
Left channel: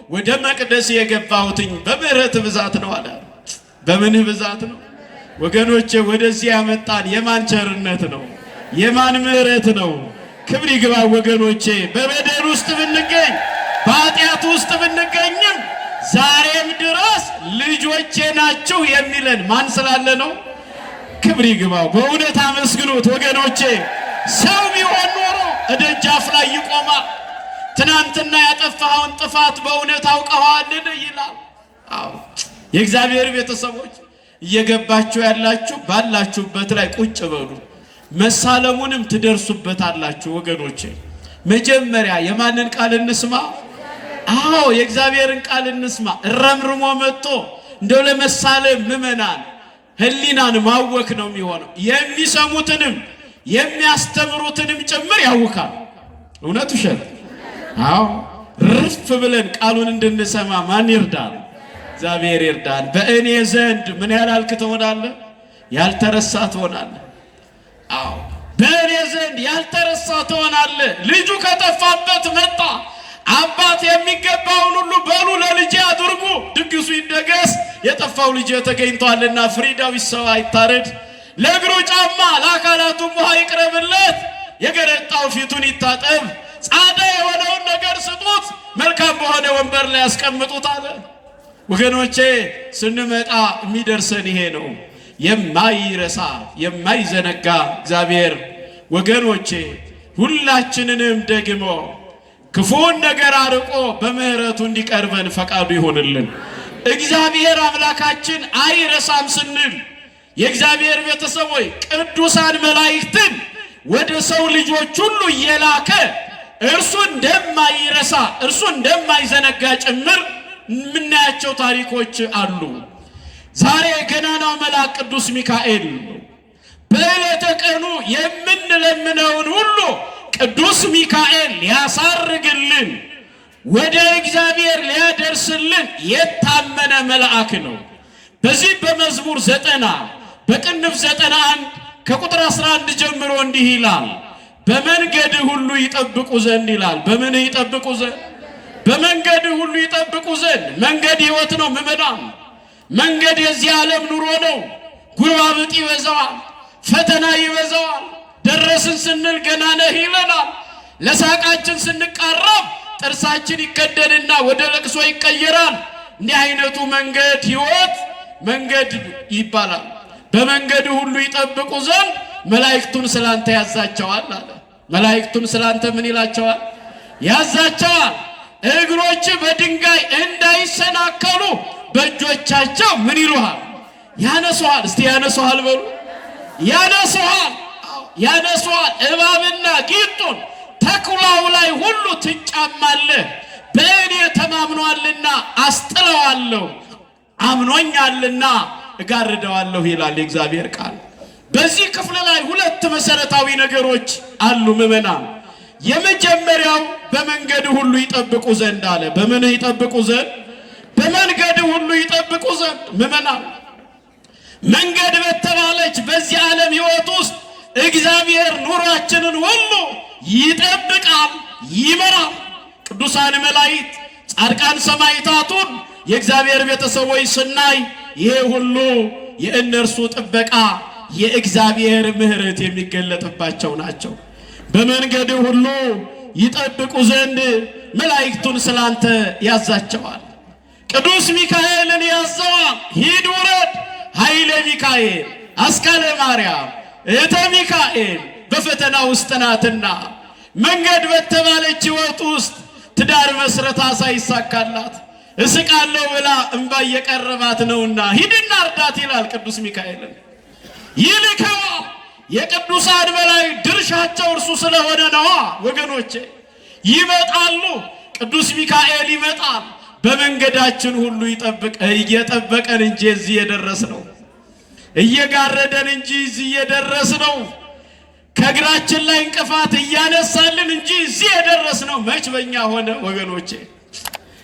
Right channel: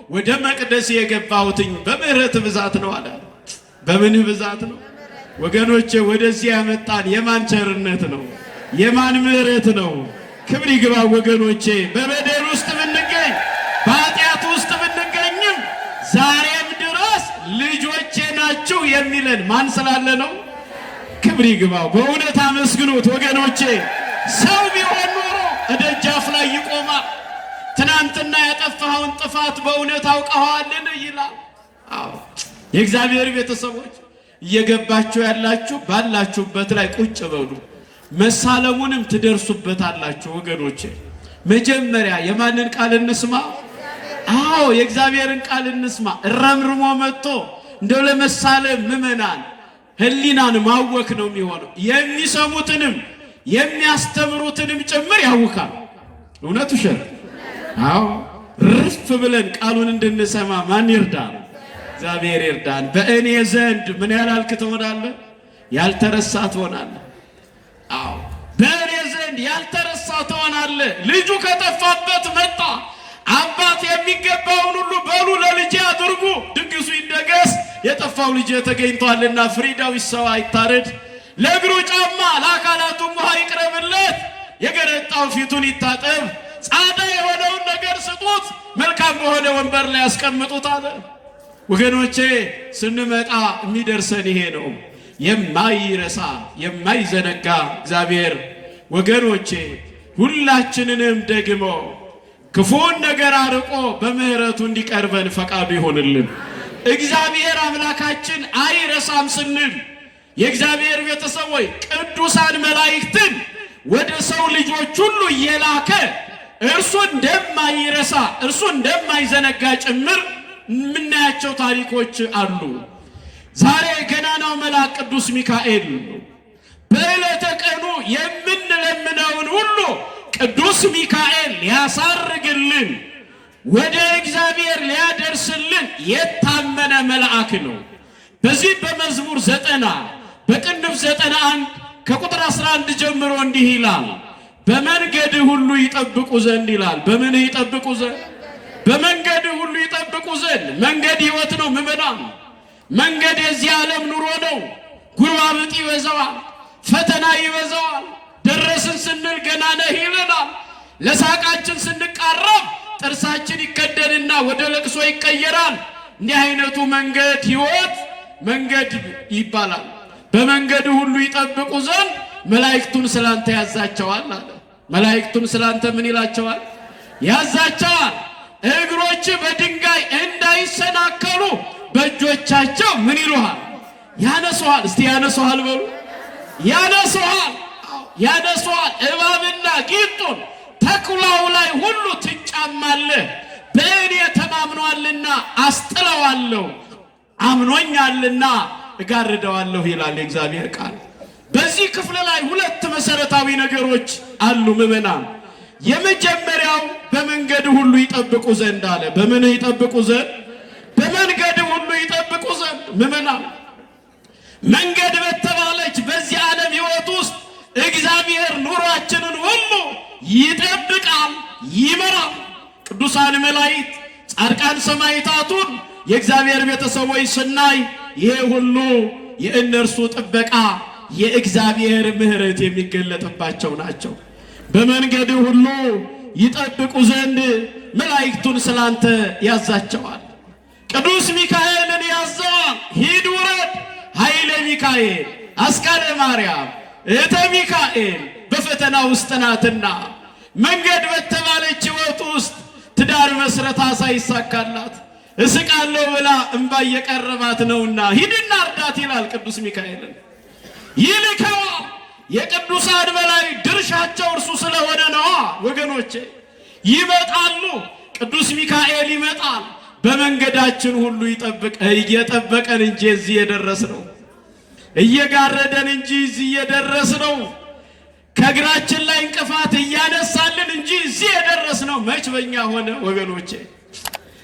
ወደ መቅደስ የገባሁትኝ በምህረት ብዛት ነው አለ። በምንህ ብዛት ነው ወገኖቼ? ወደዚህ ያመጣን የማን ቸርነት ነው? የማን ምህረት ነው? ክብር ይግባ ወገኖቼ። በበደል ውስጥ ብንገኝ በኃጢአት ውስጥ ብንገኝም ዛሬም ድረስ ልጆቼ ናችሁ የሚለን ማን ስላለ ነው? ክብር ይግባ። በእውነት አመስግኑት ወገኖቼ። ሰው ቢሆን ኖሮ ደጃፍ ላይ ይቆማል። ትናንትና ያጠፋኸውን ጥፋት በእውነት አውቀዋልን ይላል። አዎ የእግዚአብሔር ቤተሰቦች እየገባችሁ ያላችሁ ባላችሁበት ላይ ቁጭ በሉ። መሳለሙንም ትደርሱበታላችሁ። ወገኖቼ መጀመሪያ የማንን ቃል እንስማ? አዎ የእግዚአብሔርን ቃል እንስማ። ረምርሞ መጥቶ እንደው ለመሳለም ምዕመናን ህሊናን ማወክ ነው የሚሆነው። የሚሰሙትንም የሚያስተምሩትንም ጭምር ያውካል። እውነት ውሸት? አዎ ርፍ ብለን ቃሉን እንድንሰማ ማን ይርዳን? እግዚአብሔር ይርዳን። በእኔ ዘንድ ምን ያላልክ ትሆናለህ? ያልተረሳ ትሆናለህ። አዎ በእኔ ዘንድ ያልተረሳ ትሆናለህ። ልጁ ከጠፋበት መጣ። አባት የሚገባውን ሁሉ በሉ ለልጄ አድርጉ፣ ድግሱ ይደገስ፣ የጠፋው ልጄ ተገኝቷልና ፍሪዳው ይሰዋ ይታረድ፣ ለእግሩ ጫማ ለአካላቱም ውሃ ይቅረብለት፣ የገረጣው ፊቱን ይታጠብ፣ ጻዳ የሆነውን ነገር ስጡት፣ መልካም በሆነ ወንበር ላይ ያስቀምጡት አለ። ወገኖቼ ስንመጣ የሚደርሰን ይሄ ነው። የማይረሳ የማይዘነጋ እግዚአብሔር ወገኖቼ ሁላችንንም ደግሞ ክፉን ነገር አርቆ በምህረቱ እንዲቀርበን ፈቃዱ ይሆንልን። እግዚአብሔር አምላካችን አይረሳም ስንል የእግዚአብሔር ቤተሰቦች ቅዱሳን መላእክትን ወደ ሰው ልጆች ሁሉ እየላከ እርሱ እንደማይረሳ እርሱ እንደማይዘነጋ ጭምር የምናያቸው ታሪኮች አሉ። ዛሬ ገናናው መልአክ ቅዱስ ሚካኤል በዕለተ ቀኑ የምንለምነውን ሁሉ ቅዱስ ሚካኤል ሊያሳርግልን ወደ እግዚአብሔር ሊያደርስልን የታመነ መልአክ ነው። በዚህ በመዝሙር 90 በቅንፍ 91 ከቁጥር 11 ጀምሮ እንዲህ ይላል፣ በመንገድ ሁሉ ይጠብቁ ዘንድ ይላል። በምን ይጠብቁ ዘንድ? በመንገድ ሁሉ ይጠብቁ ዘንድ። መንገድ ሕይወት ነው ምዕመናን። መንገድ የዚህ ዓለም ኑሮ ነው። ጉርባብጥ ይበዛዋል፣ ፈተና ይበዛዋል። ደረስን ስንል ገና ነህ ይለናል። ለሳቃችን ስንቃረብ ጥርሳችን ይቀደድና ወደ ለቅሶ ይቀየራል። እንዲህ አይነቱ መንገድ ሕይወት መንገድ ይባላል። በመንገድ ሁሉ ይጠብቁ ዘንድ መላእክቱን ስላንተ ያዛቸዋል አለ። መላእክቱን ስላንተ ምን ይላቸዋል? ያዛቸዋል። እግሮች በድንጋይ እንዳይሰናከሉ በእጆቻቸው ምን ይሉሃል? ያነሱሃል። እስቲ ያነሱሃል በሉ። ያነሱሃል፣ ያነሱሃል። እባብና ጊንጡን ተኩላው ላይ ሁሉ ትጫማለህ። በእኔ ተማምኗልና አስጥለዋለሁ፣ አምኖኛልና እጋርደዋለሁ ይላል የእግዚአብሔር ቃል። በዚህ ክፍል ላይ ሁለት መሰረታዊ ነገሮች አሉ ምዕመናን። የመጀመሪያው በመንገድ ሁሉ ይጠብቁ ዘንድ አለ። በምን ይጠብቁ ዘንድ? በመንገድ ሁሉ ይጠብቁ ዘንድ። ምዕመናን መንገድ በተባለች በዚህ ዓለም ሕይወት ውስጥ እግዚአብሔር ኑሯችንን ሁሉ ይጠብቃል፣ ይመራል። ቅዱሳን መላእክት፣ ጻድቃን ሰማዕታቱን የእግዚአብሔር ቤተሰቦች ስናይ ይሄ ሁሉ የእነርሱ ጥበቃ የእግዚአብሔር ምሕረት የሚገለጥባቸው ናቸው። በመንገድ ሁሉ ይጠብቁ ዘንድ መላእክቱን ስላንተ ያዛቸዋል። ቅዱስ ሚካኤልን ያዘዋል። ሂድ ውረድ፣ ኃይለ ሚካኤል አስካለ ማርያም እህተ ሚካኤል በፈተና ውስጥ ናትና መንገድ በተባለች ሕይወት ውስጥ ትዳር መስረታ ሳይሳካላት እስቃለሁ ብላ እንባ እየቀረባት ነውና ሂድና እርዳት ይላል ቅዱስ ሚካኤልን። ይልከዋ የቅዱሳን በላይ ድርሻቸው እርሱ ስለሆነ ነዋ። ወገኖቼ ይመጣሉ። ቅዱስ ሚካኤል ይመጣል። በመንገዳችን ሁሉ እየጠበቀን እንጂ እዚህ የደረስነው፣ እየጋረደን እንጂ እዚህ የደረስነው፣ ከእግራችን ላይ እንቅፋት እያነሳልን እንጂ እዚህ የደረስነው መች በእኛ ሆነ ወገኖቼ?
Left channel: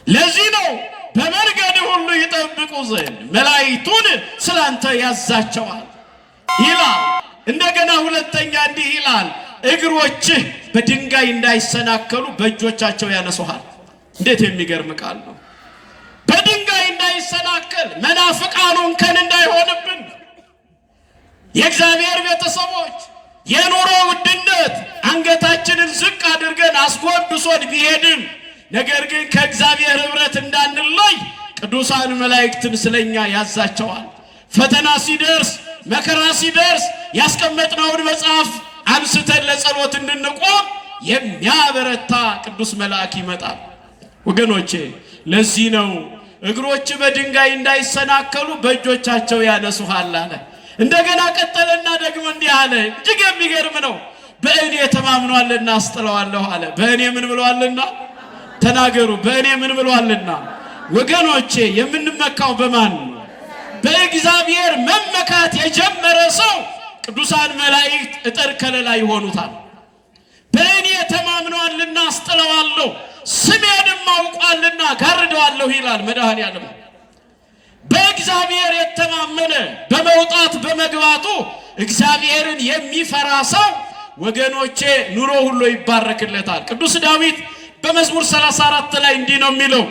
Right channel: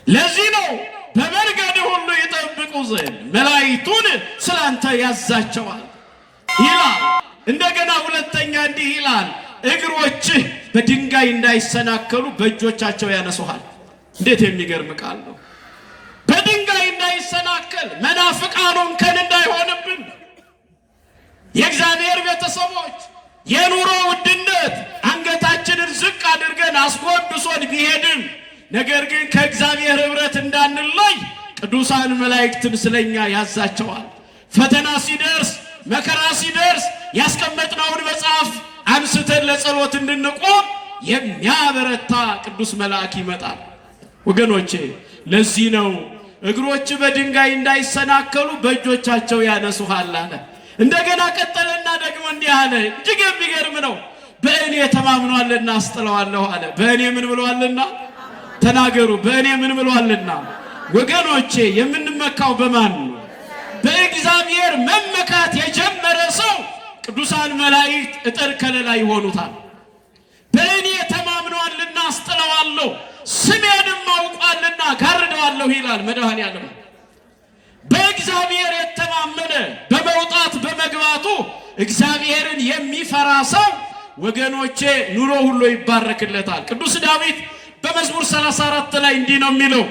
ለዚህ ነው በመንገድ ሁሉ ይጠብቁ ዘንድ መላእክቱን ስላንተ ያዛቸዋል ይላል። እንደገና ሁለተኛ እንዲህ ይላል፣ እግሮችህ በድንጋይ እንዳይሰናከሉ በእጆቻቸው ያነሱሃል። እንዴት የሚገርም ቃል ነው! በድንጋይ እንዳይሰናከል መናፍቃኑን ከን እንዳይሆንብን የእግዚአብሔር ቤተሰቦች የኑሮ ውድነት አንገታችንን ዝቅ አድርገን አስጎንብሶን ቢሄድም ነገር ግን ከእግዚአብሔር ኅብረት እንዳንለይ ቅዱሳን መላእክትን ስለኛ ያዛቸዋል። ፈተና ሲደርስ መከራ ሲደርስ ያስቀመጥነውን መጽሐፍ አንስተን ለጸሎት እንድንቆም የሚያበረታ ቅዱስ መልአክ ይመጣል። ወገኖቼ ለዚህ ነው እግሮች በድንጋይ እንዳይሰናከሉ በእጆቻቸው ያነሱሃል አለ። እንደገና ቀጠለና ደግሞ እንዲህ አለ። እጅግ የሚገርም ነው። በእኔ ተማምኗልና አስጥለዋለሁ አለ። በእኔ ምን ብሏልና? ተናገሩ። በእኔ ምን ብሏልና? ወገኖቼ የምንመካው በማን ነው? በእግዚአብሔር መመካት የጀመረ ሰው ቅዱሳን መላእክት እጥር ከለላ ይሆኑታል። በእኔ ተማምኗልና አስጥለዋለሁ፣ ስሜንም አውቋልና ጋርደዋለሁ ይላል መድኃኔዓለም። በእግዚአብሔር የተማመነ በመውጣት በመግባቱ እግዚአብሔርን የሚፈራ ሰው ወገኖቼ ኑሮ ሁሉ ይባረክለታል። ቅዱስ ዳዊት በመዝሙር 34 ላይ እንዲህ ነው የሚለው፣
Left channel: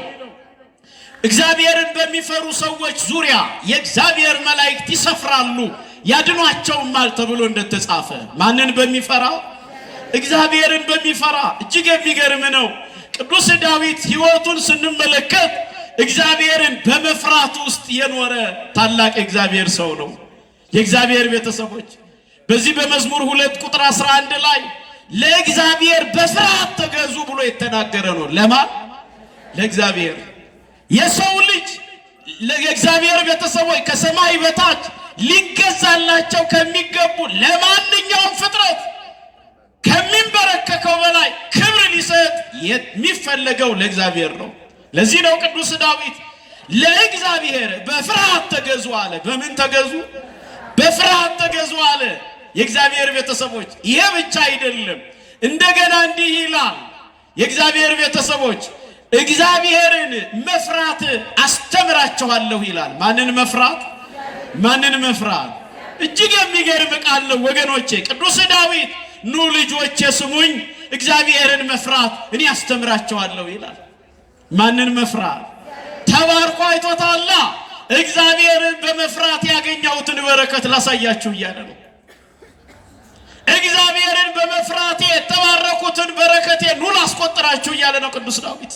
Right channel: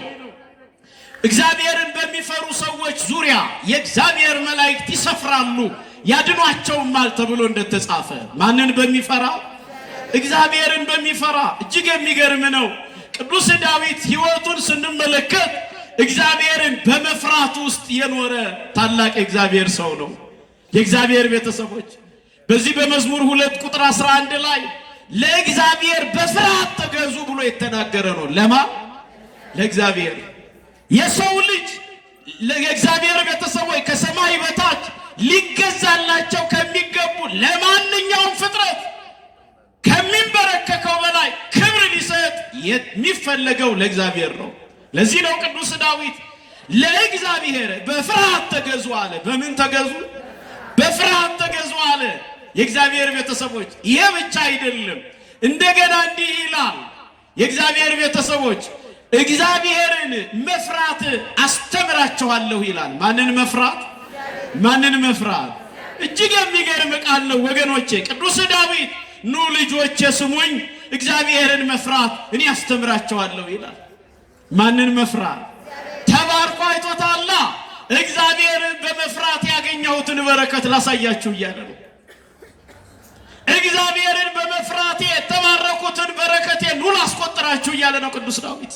እግዚአብሔርን በሚፈሩ ሰዎች ዙሪያ የእግዚአብሔር መላእክት ይሰፍራሉ ያድኗቸውማል ተብሎ እንደተጻፈ። ማንን በሚፈራ? እግዚአብሔርን በሚፈራ። እጅግ የሚገርም ነው። ቅዱስ ዳዊት ሕይወቱን ስንመለከት እግዚአብሔርን በመፍራት ውስጥ የኖረ ታላቅ እግዚአብሔር ሰው ነው። የእግዚአብሔር ቤተሰቦች በዚህ በመዝሙር 2 ቁጥር 11 ላይ ለእግዚአብሔር በፍርሃት ተገዙ ብሎ የተናገረ ነው። ለማን? ለእግዚአብሔር። የሰው ልጅ ለእግዚአብሔር ቤተሰቦች ከሰማይ በታች ሊገዛላቸው ከሚገቡ ለማንኛውም ፍጥረት ከሚንበረከከው በላይ ክብር ሊሰጥ የሚፈለገው ለእግዚአብሔር ነው። ለዚህ ነው ቅዱስ ዳዊት ለእግዚአብሔር በፍርሃት ተገዙ አለ። በምን ተገዙ? በፍርሃት ተገዙ አለ። የእግዚአብሔር ቤተሰቦች ይሄ ብቻ አይደለም። እንደገና እንዲህ ይላል የእግዚአብሔር ቤተሰቦች እግዚአብሔርን መፍራት አስተምራቸዋለሁ ይላል። ማንን መፍራት? ማንን መፍራት? እጅግ የሚገርም ቃል ነው ወገኖቼ። ቅዱስ ዳዊት ኑ ልጆቼ ስሙኝ፣ እግዚአብሔርን መፍራት እኔ አስተምራቸዋለሁ ይላል። ማንን መፍራት? ተባርኮ አይቶታላ። እግዚአብሔርን በመፍራት ያገኘሁትን በረከት ላሳያችሁ እያለ ነው። እግዚአብሔርን በመፍራቴ የተባረኩትን በረከቴ ኑ ላስቆጥራችሁ እያለ ነው ቅዱስ ዳዊት።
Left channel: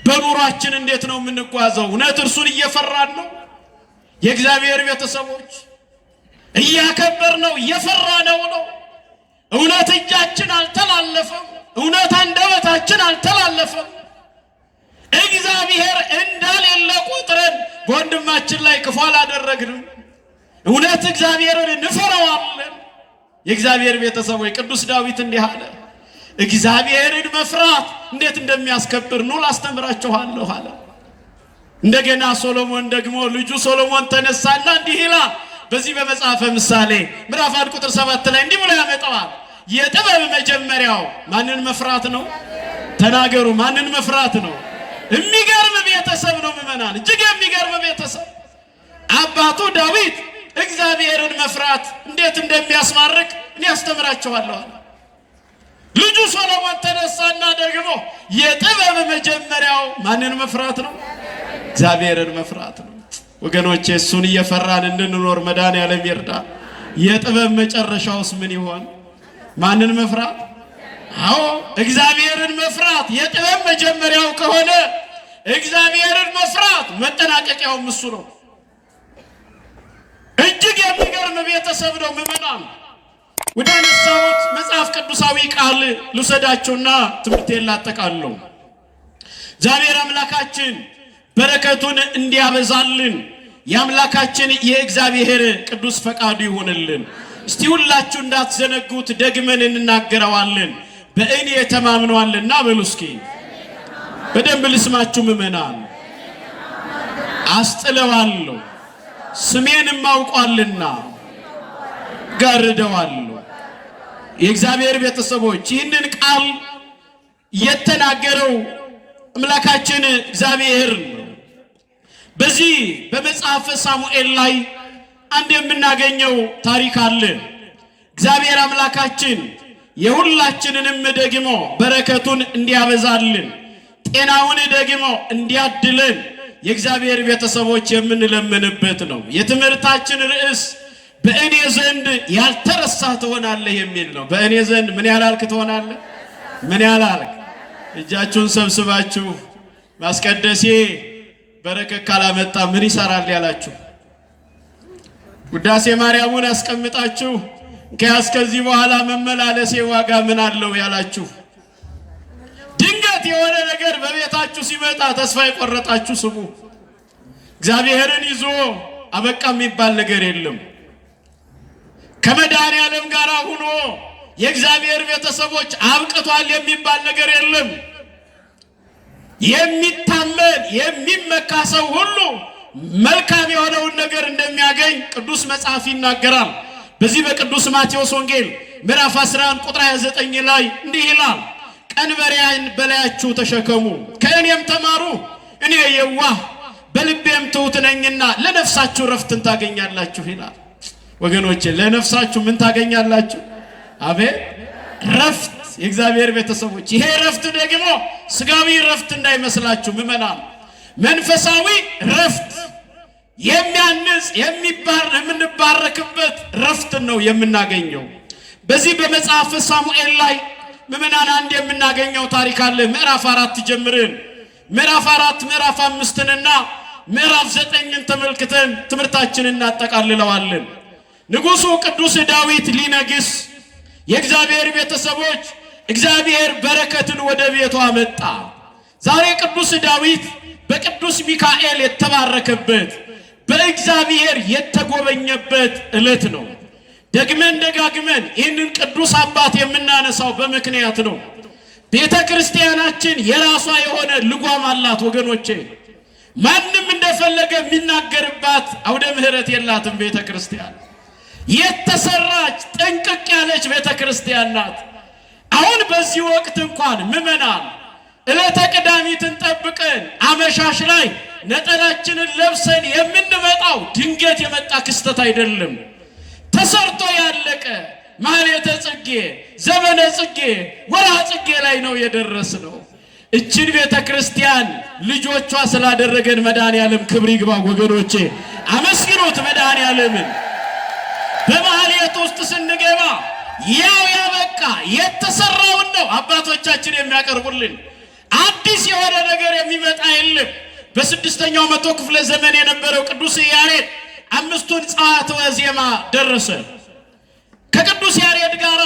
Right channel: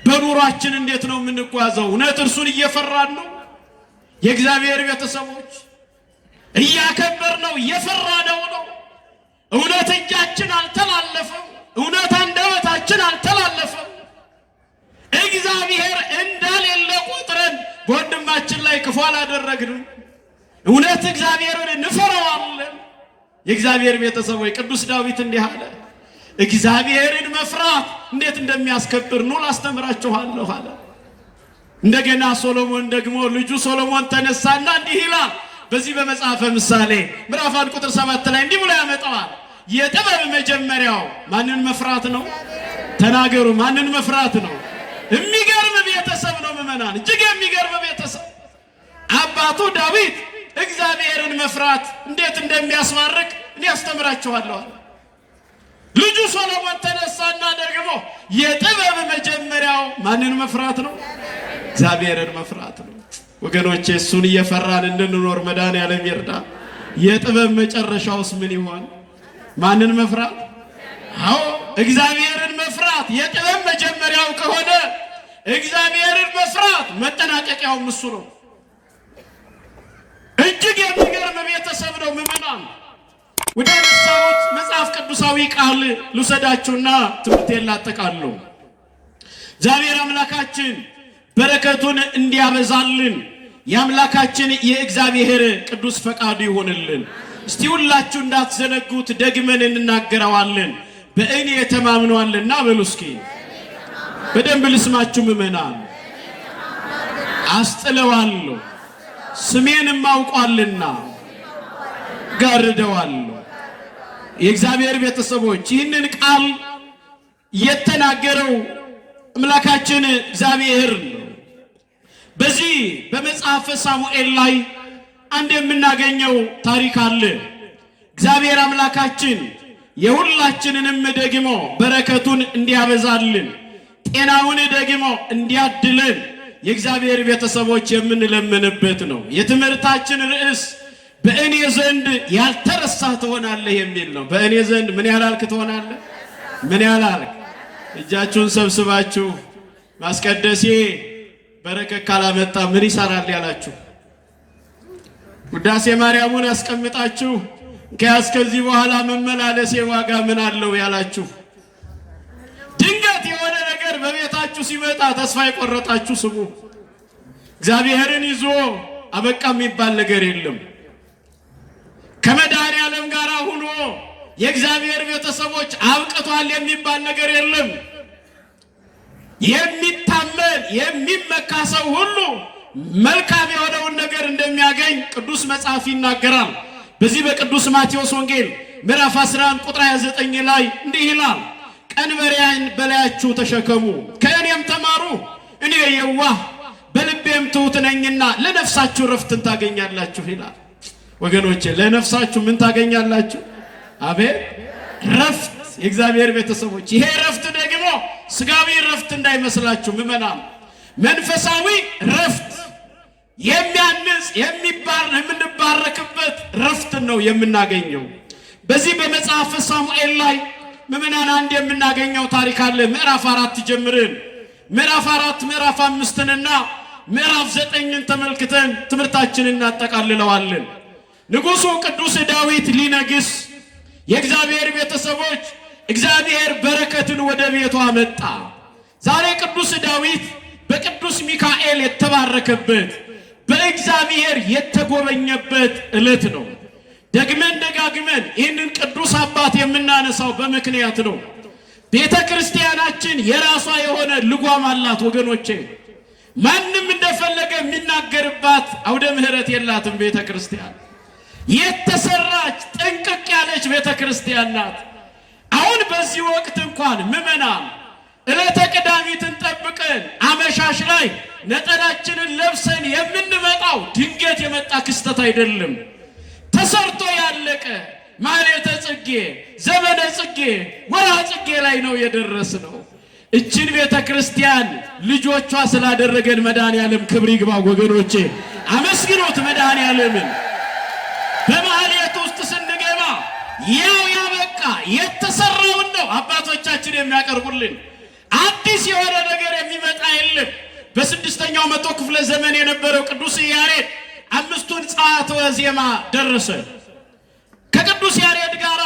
በኑሯችን እንዴት ነው የምንጓዘው? እውነት እርሱን እየፈራን ነው? የእግዚአብሔር ቤተሰቦች እያከበርነው እየፈራነው ነው? እውነት እጃችን አልተላለፈም? እውነት አንደበታችን አልተላለፈም? እግዚአብሔር እንዳሌለ ቁጥረን በወንድማችን ላይ ክፉ አላደረግንም? እውነት እግዚአብሔርን እንፈራዋለን? የእግዚአብሔር ቤተሰቦች ቅዱስ ዳዊት እንዲህ አለ፣ እግዚአብሔርን መፍራት እንዴት እንደሚያስከብር ኑ ላስተምራችኋለሁ አለ። እንደገና ሶሎሞን ደግሞ ልጁ ሶሎሞን ተነሳና እንዲህ ይላል በዚህ በመጽሐፈ ምሳሌ ምዕራፍ 1 ቁጥር 7 ላይ እንዲህ ብሎ ያመጣዋል። የጥበብ መጀመሪያው ማንን መፍራት ነው? ተናገሩ። ማንን መፍራት ነው? የሚገርም ቤተሰብ ነው ምዕመናን፣ እጅግ የሚገርም ቤተሰብ። አባቱ ዳዊት እግዚአብሔርን መፍራት እንዴት እንደሚያስማርክ እኔ አስተምራችኋለሁ አለ። ልጁ ሶሎሞን ተነሳና ደግሞ የጥበብ መጀመሪያው ማንን መፍራት ነው? እግዚአብሔርን መፍራት ነው። ወገኖቼ እሱን እየፈራን እንድንኖር መድኃኔዓለም ይርዳን። የጥበብ መጨረሻውስ ምን ይሆን? ማንን መፍራት? አዎ እግዚአብሔርን መፍራት የጥበብ መጀመሪያው ከሆነ እግዚአብሔርን መፍራት መጠናቀቂያውም እሱ ነው። እጅግ የሚገርም ቤተሰብ ነው ምዕመናን። ወደ ነሳሁት መጽሐፍ ቅዱሳዊ ቃል ልውሰዳችሁና ትምህርቴን ላጠቃልለው። እግዚአብሔር አምላካችን በረከቱን እንዲያበዛልን የአምላካችን የእግዚአብሔር ቅዱስ ፈቃዱ ይሆንልን። እስቲ ሁላችሁ እንዳትዘነጉት ደግመን እንናገረዋለን። በእኔ ተማምኗልና በሉ እስኪ በደንብ ልስማችሁ ምዕመናን። አስጥለዋለሁ ስሜንም አውቋልና ጋርደዋለሁ። የእግዚአብሔር ቤተሰቦች ይህንን ቃል የተናገረው አምላካችን እግዚአብሔር በዚህ በመጽሐፈ ሳሙኤል ላይ አንድ የምናገኘው ታሪክ አለ። እግዚአብሔር አምላካችን የሁላችንንም ደግሞ በረከቱን እንዲያበዛልን ጤናውን ደግሞ እንዲያድለን የእግዚአብሔር ቤተሰቦች የምንለምንበት ነው። የትምህርታችን ርዕስ በእኔ ዘንድ ያልተረሳ ትሆናለህ የሚል ነው። በእኔ ዘንድ ምን ያላልክ ትሆናለህ? ምን ያላልክ? እጃችሁን ሰብስባችሁ ማስቀደሴ በረከት ካላመጣ ምን ይሰራል ያላችሁ፣ ውዳሴ ማርያሙን አስቀምጣችሁ ከዚህ በኋላ መመላለሴ ዋጋ ምን አለው ያላችሁ፣ ድንገት የሆነ ነገር በቤታችሁ ሲመጣ ተስፋ የቆረጣችሁ ስሙ። እግዚአብሔርን ይዞ አበቃ የሚባል ነገር የለም። ከመድኃኔዓለም ጋር ሆኖ የእግዚአብሔር ቤተሰቦች አብቅቷል የሚባል ነገር የለም። የሚታመን የሚመካ ሰው ሁሉ መልካም የሆነውን ነገር እንደሚያገኝ ቅዱስ መጽሐፍ ይናገራል። በዚህ በቅዱስ ማቴዎስ ወንጌል ምዕራፍ 11 ቁጥር 29 ላይ እንዲህ ይላል፣ ቀንበሬን በላያችሁ ተሸከሙ ከእኔም ተማሩ፣ እኔ የዋህ በልቤም ትሑት ነኝና ለነፍሳችሁ ረፍትን ታገኛላችሁ ይላል። ወገኖቼ ለነፍሳችሁ ምን ታገኛላችሁ? አቤት ረፍት። የእግዚአብሔር ቤተሰቦች ይሄ ረፍት ደግሞ ስጋዊ ረፍት እንዳይመስላችሁ ምእመናን፣ መንፈሳዊ ረፍት የሚያንጽ የምንባረክበት ረፍት ነው የምናገኘው። በዚህ በመጽሐፈ ሳሙኤል ላይ ምእመናን አንድ የምናገኘው ታሪክ አለ። ምዕራፍ 4 ጀምረን ምዕራፍ 4 ምዕራፍ 5ንና ምዕራፍ 9ን ተመልክተን ትምህርታችንን እናጠቃልለዋለን። ንጉሡ ቅዱስ ዳዊት ሊነግስ የእግዚአብሔር ቤተሰቦች እግዚአብሔር በረከትን ወደ ቤቱ አመጣ። ዛሬ ቅዱስ ዳዊት በቅዱስ ሚካኤል የተባረከበት በእግዚአብሔር የተጎበኘበት ዕለት ነው። ደግመን ደጋግመን ይህንን ቅዱስ አባት የምናነሳው በምክንያት ነው። ቤተ ክርስቲያናችን የራሷ የሆነ ልጓም አላት ወገኖቼ። ማንም እንደፈለገ የሚናገርባት አውደ ምሕረት የላትም። ቤተ ክርስቲያን የተሰራች ጠንቅቅ ያለች ቤተ ክርስቲያን ናት። አሁን በዚህ ወቅት እንኳን ምእመናን ዕለተ ቀዳሚትን ጠብቀን አመሻሽ ላይ ነጠላችንን ለብሰን የምንመጣው ድንገት የመጣ ክስተት አይደለም። ተሰርቶ ያለቀ ማኅሌተ ጽጌ፣ ዘመነ ጽጌ፣ ወርኃ ጽጌ ላይ ነው የደረስነው። እችን ቤተ ክርስቲያን ልጆቿ ስላደረገን መድኃኔዓለም ክብር ይግባ ወገኖቼ፣ አመስግኑት መድኃኔዓለምን። በማኅሌት ውስጥ ስንገባ ያው ያበቃ የተሰራውን ነው አባቶቻችን የሚያቀርቡልን። አዲስ የሆነ ነገር የሚመጣ የለም። በ6ኛው መቶ ክፍለ ዘመን የነበረው ቅዱስ ያሬድ 5ቱን ጸዋትወ ዜማ ደረሰ። ከቅዱስ ያሬድ ጋር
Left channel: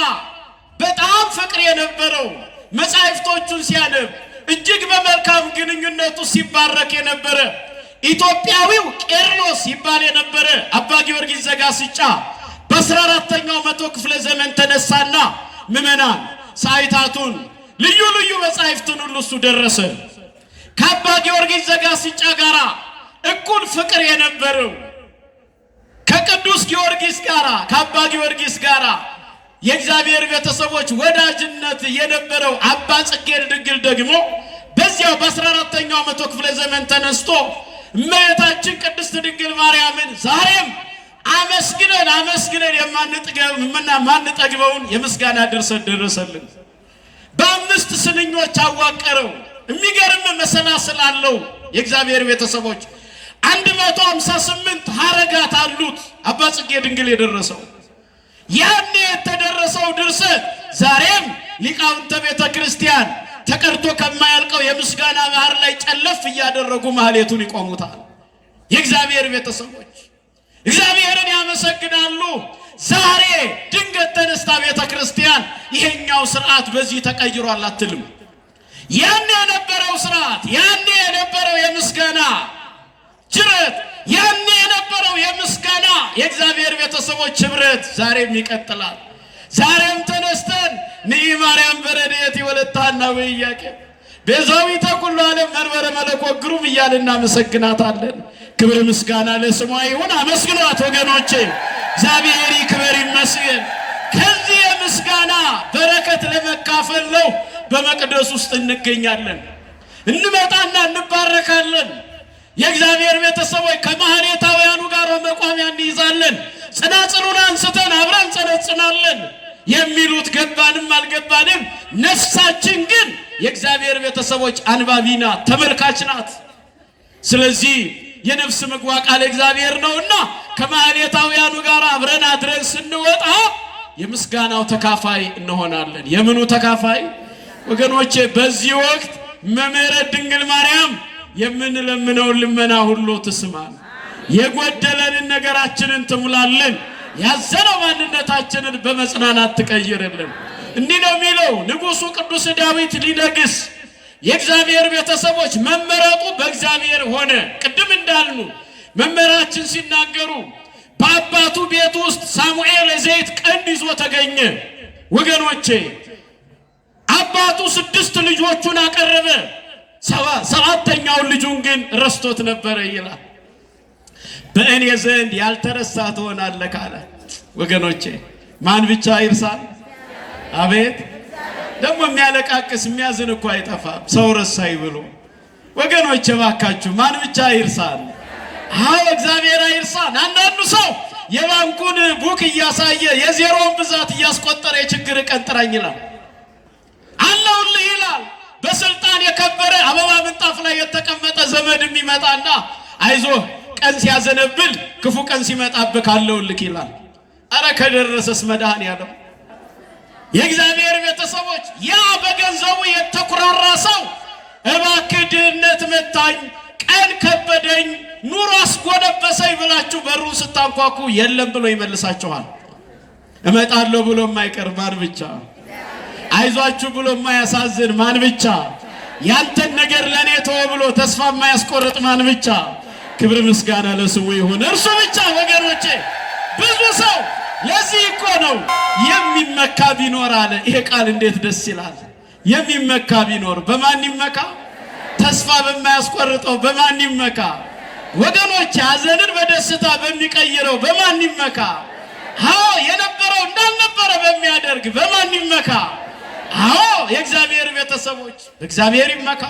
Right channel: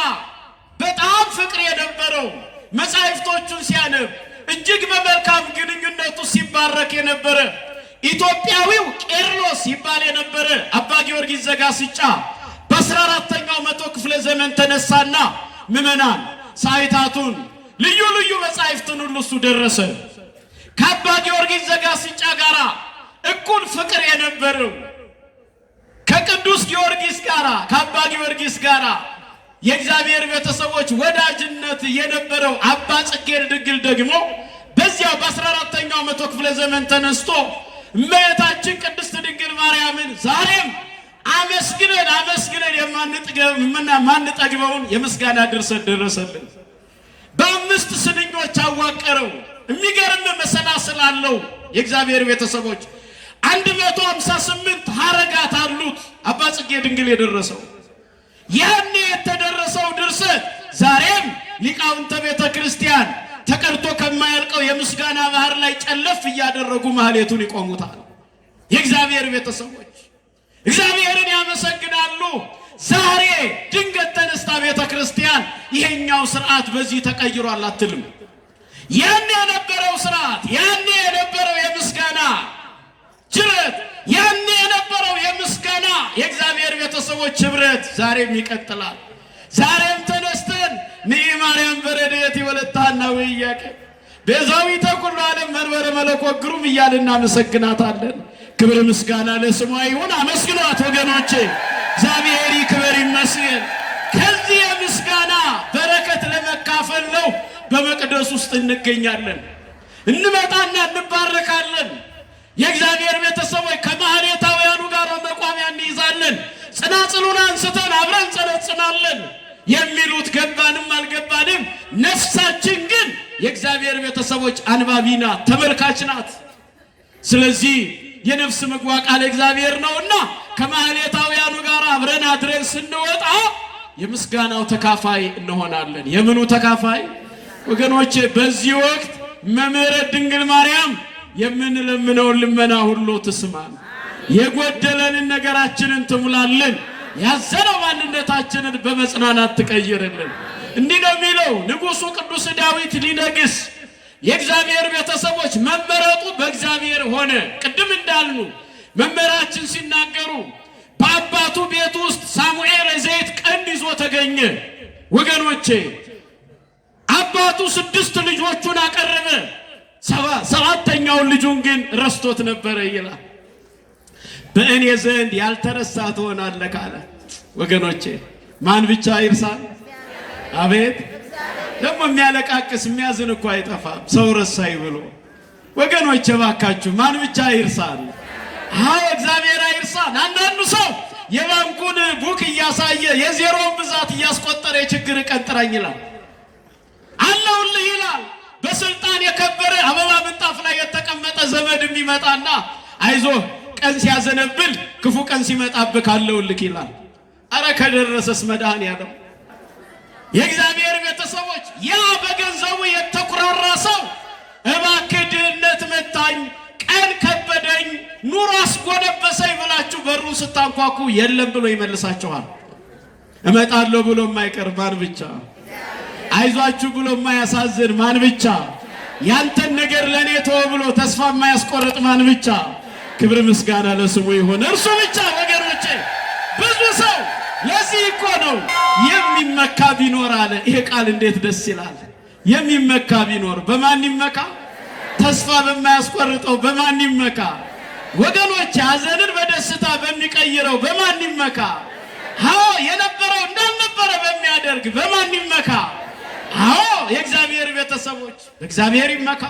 በጣም ፍቅር የነበረው መጻሕፍቶቹን ሲያነብ እጅግ በመልካም ግንኙነቱ ሲባረክ የነበረ ኢትዮጵያዊው ቄርሎስ ይባል የነበረ አባ ጊዮርጊስ ዘጋስጫ በ14ኛው መቶ ክፍለ ዘመን ተነሳና ምእመናን ሰዓታቱን ልዩ ልዩ መጻሕፍትን ሁሉ እሱ ደረሰ። ከአባ ጊዮርጊስ ዘጋስጫ ጋር እኩል ፍቅር የነበረው ከቅዱስ ጊዮርጊስ ጋር ከአባ ጊዮርጊስ ጋር የእግዚአብሔር ቤተሰቦች ወዳጅነት የነበረው አባ ጽጌ ድንግል ደግሞ በዚያው በ14ኛው መቶ ክፍለ ዘመን ተነስቶ እመቤታችን ቅድስት ድንግል ማርያምን ዛሬም አመስግነን የማንጠግበውን የምስጋና ድርሰት ደረሰልን። በ5 ስንኞች አዋቀረው። የሚገርም መሰላስል አለው። የእግዚአብሔር ቤተሰቦች 158 ሐረጋት አሉት አባ ጽጌ ድንግል የደረሰው። ያኔ የተደረሰው ድርሰት ዛሬም ሊቃውንተ ቤተ ክርስቲያን ተቀርቶ ከማያልቀው የምስጋና ባህር ላይ ጨለፍ እያደረጉ ማኅሌቱን ይቆሙታል። የእግዚአብሔር ቤተሰቦች እግዚአብሔርን ያመሰግናሉ። ዛሬ ድንገት ተነስታ ቤተ ክርስቲያን ይሄኛው ስርዓት በዚህ ተቀይሯል አትልም። ያኔ የነበረው ስርዓት፣ ያኔ የነበረው የምስጋና ጅረት፣ ያኔ የነበረው የምስጋና የእግዚአብሔር ቤተሰቦች ህብረት ዛሬም ይቀጥላል። ዛሬም ተነስተን ንኢ ማርያም በረድኤት ወለተ ሐና ወኢያቄም ቤዛዊተ ኩሉ ዓለም መንበረ መለኮት ግሩም እያልን እናመሰግናታለን። ክብር ምስጋና ለስሟ ይሁን። አመስግኗት ወገኖቼ፣ እግዚአብሔር ይክበር ይመስገን። ከዚህ የምስጋና በረከት ለመካፈል ነው በመቅደስ ውስጥ እንገኛለን። እንመጣና እንባረካለን። የእግዚአብሔር ቤተሰቦች ከማኅሌታውያኑ ጋር መቋሚያ እንይዛለን። ጽናጽሉን አንስተን አብረን ጸነጽናለን። የሚሉት ገባንም አልገባንም፣ ነፍሳችን ግን የእግዚአብሔር ቤተሰቦች አንባቢ ናት፣ ተመልካች ናት። ስለዚህ የነፍስ ምግቧ ቃል እግዚአብሔር ነውና ከማኅሌታውያኑ ጋር አብረን አድረን ስንወጣ የምስጋናው ተካፋይ እንሆናለን። የምኑ ተካፋይ ወገኖቼ? በዚህ ወቅት መምህረ ድንግል ማርያም የምንለምነውን ልመና ሁሉ ትስማን፣ የጎደለንን ነገራችንን ትሙላልን፣ ያዘነው ማንነታችንን በመጽናናት ትቀይርልን። እንዲህ ነው የሚለው ንጉሡ ቅዱስ ዳዊት ሊነግስ የእግዚአብሔር ቤተሰቦች መመረጡ በእግዚአብሔር ሆነ። ቅድም እንዳልኑ መምህራችን ሲናገሩ በአባቱ ቤት ውስጥ ሳሙኤል የዘይት ቀንድ ይዞ ተገኘ። ወገኖቼ አባቱ 6 ልጆቹን አቀረበ። 7ኛውን ልጁን ግን ረስቶት ነበረ ይላል። በእኔ ዘንድ ያልተረሳ ትሆናለህ ካለ ወገኖቼ ማን ብቻ ይርሳል? አቤት ደግሞ የሚያለቃቅስ የሚያዝን እኮ አይጠፋም ሰው ረሳይ ብሎ። ወገኖቼ ባካችሁ ማን ብቻ ይርሳል? አዎ እግዚአብሔር አይርሳን። አንዳንዱ ሰው የባንኩን ቡክ እያሳየ የዜሮውን ብዛት እያስቆጠረ የችግር ቀን ጥራኝ ይላል። አለሁልህ ይላል። በስልጣን የከበረ አበባ ምንጣፍ ላይ የተቀመጠ ዘመድ የሚመጣና አይዞህ ቀን ሲያዘነብል ክፉ ቀን ሲመጣብህ አለሁልህ ይላል። አረ ከደረሰስ መድኃኔዓለም የእግዚአብሔር ቤተሰቦች ያ በገንዘቡ የተኩራራ ሰው እባክህ ድህነት መታኝ፣ ቀን ከበደኝ፣ ኑሮ አስጎነበሰኝ ብላችሁ በሩን ስታንኳኩ የለም ብሎ ይመልሳችኋል። እመጣለሁ ብሎ የማይቀር ማን ብቻ? አይዟችሁ ብሎ የማያሳዝን ማን ብቻ? ያንተን ነገር ለኔ ተወ ብሎ ተስፋ የማያስቆርጥ ማን ብቻ? ክብር ምስጋና ለስሙ ይሁን እርሱ ብቻ። ወገኖቼ ብዙ ሰው ለዚህ እኮ ነው የሚመካ ቢኖር አለ። ይሄ ቃል እንዴት ደስ ይላል! የሚመካ ቢኖር በማን ይመካ? ተስፋ በማያስቆርጠው በማን ይመካ? ወገኖች ሐዘንን በደስታ በሚቀይረው በማን ይመካ? አዎ የነበረው እንዳልነበረ በሚያደርግ በማን ይመካ? አዎ የእግዚአብሔር ቤተሰቦች እግዚአብሔር ይመካ።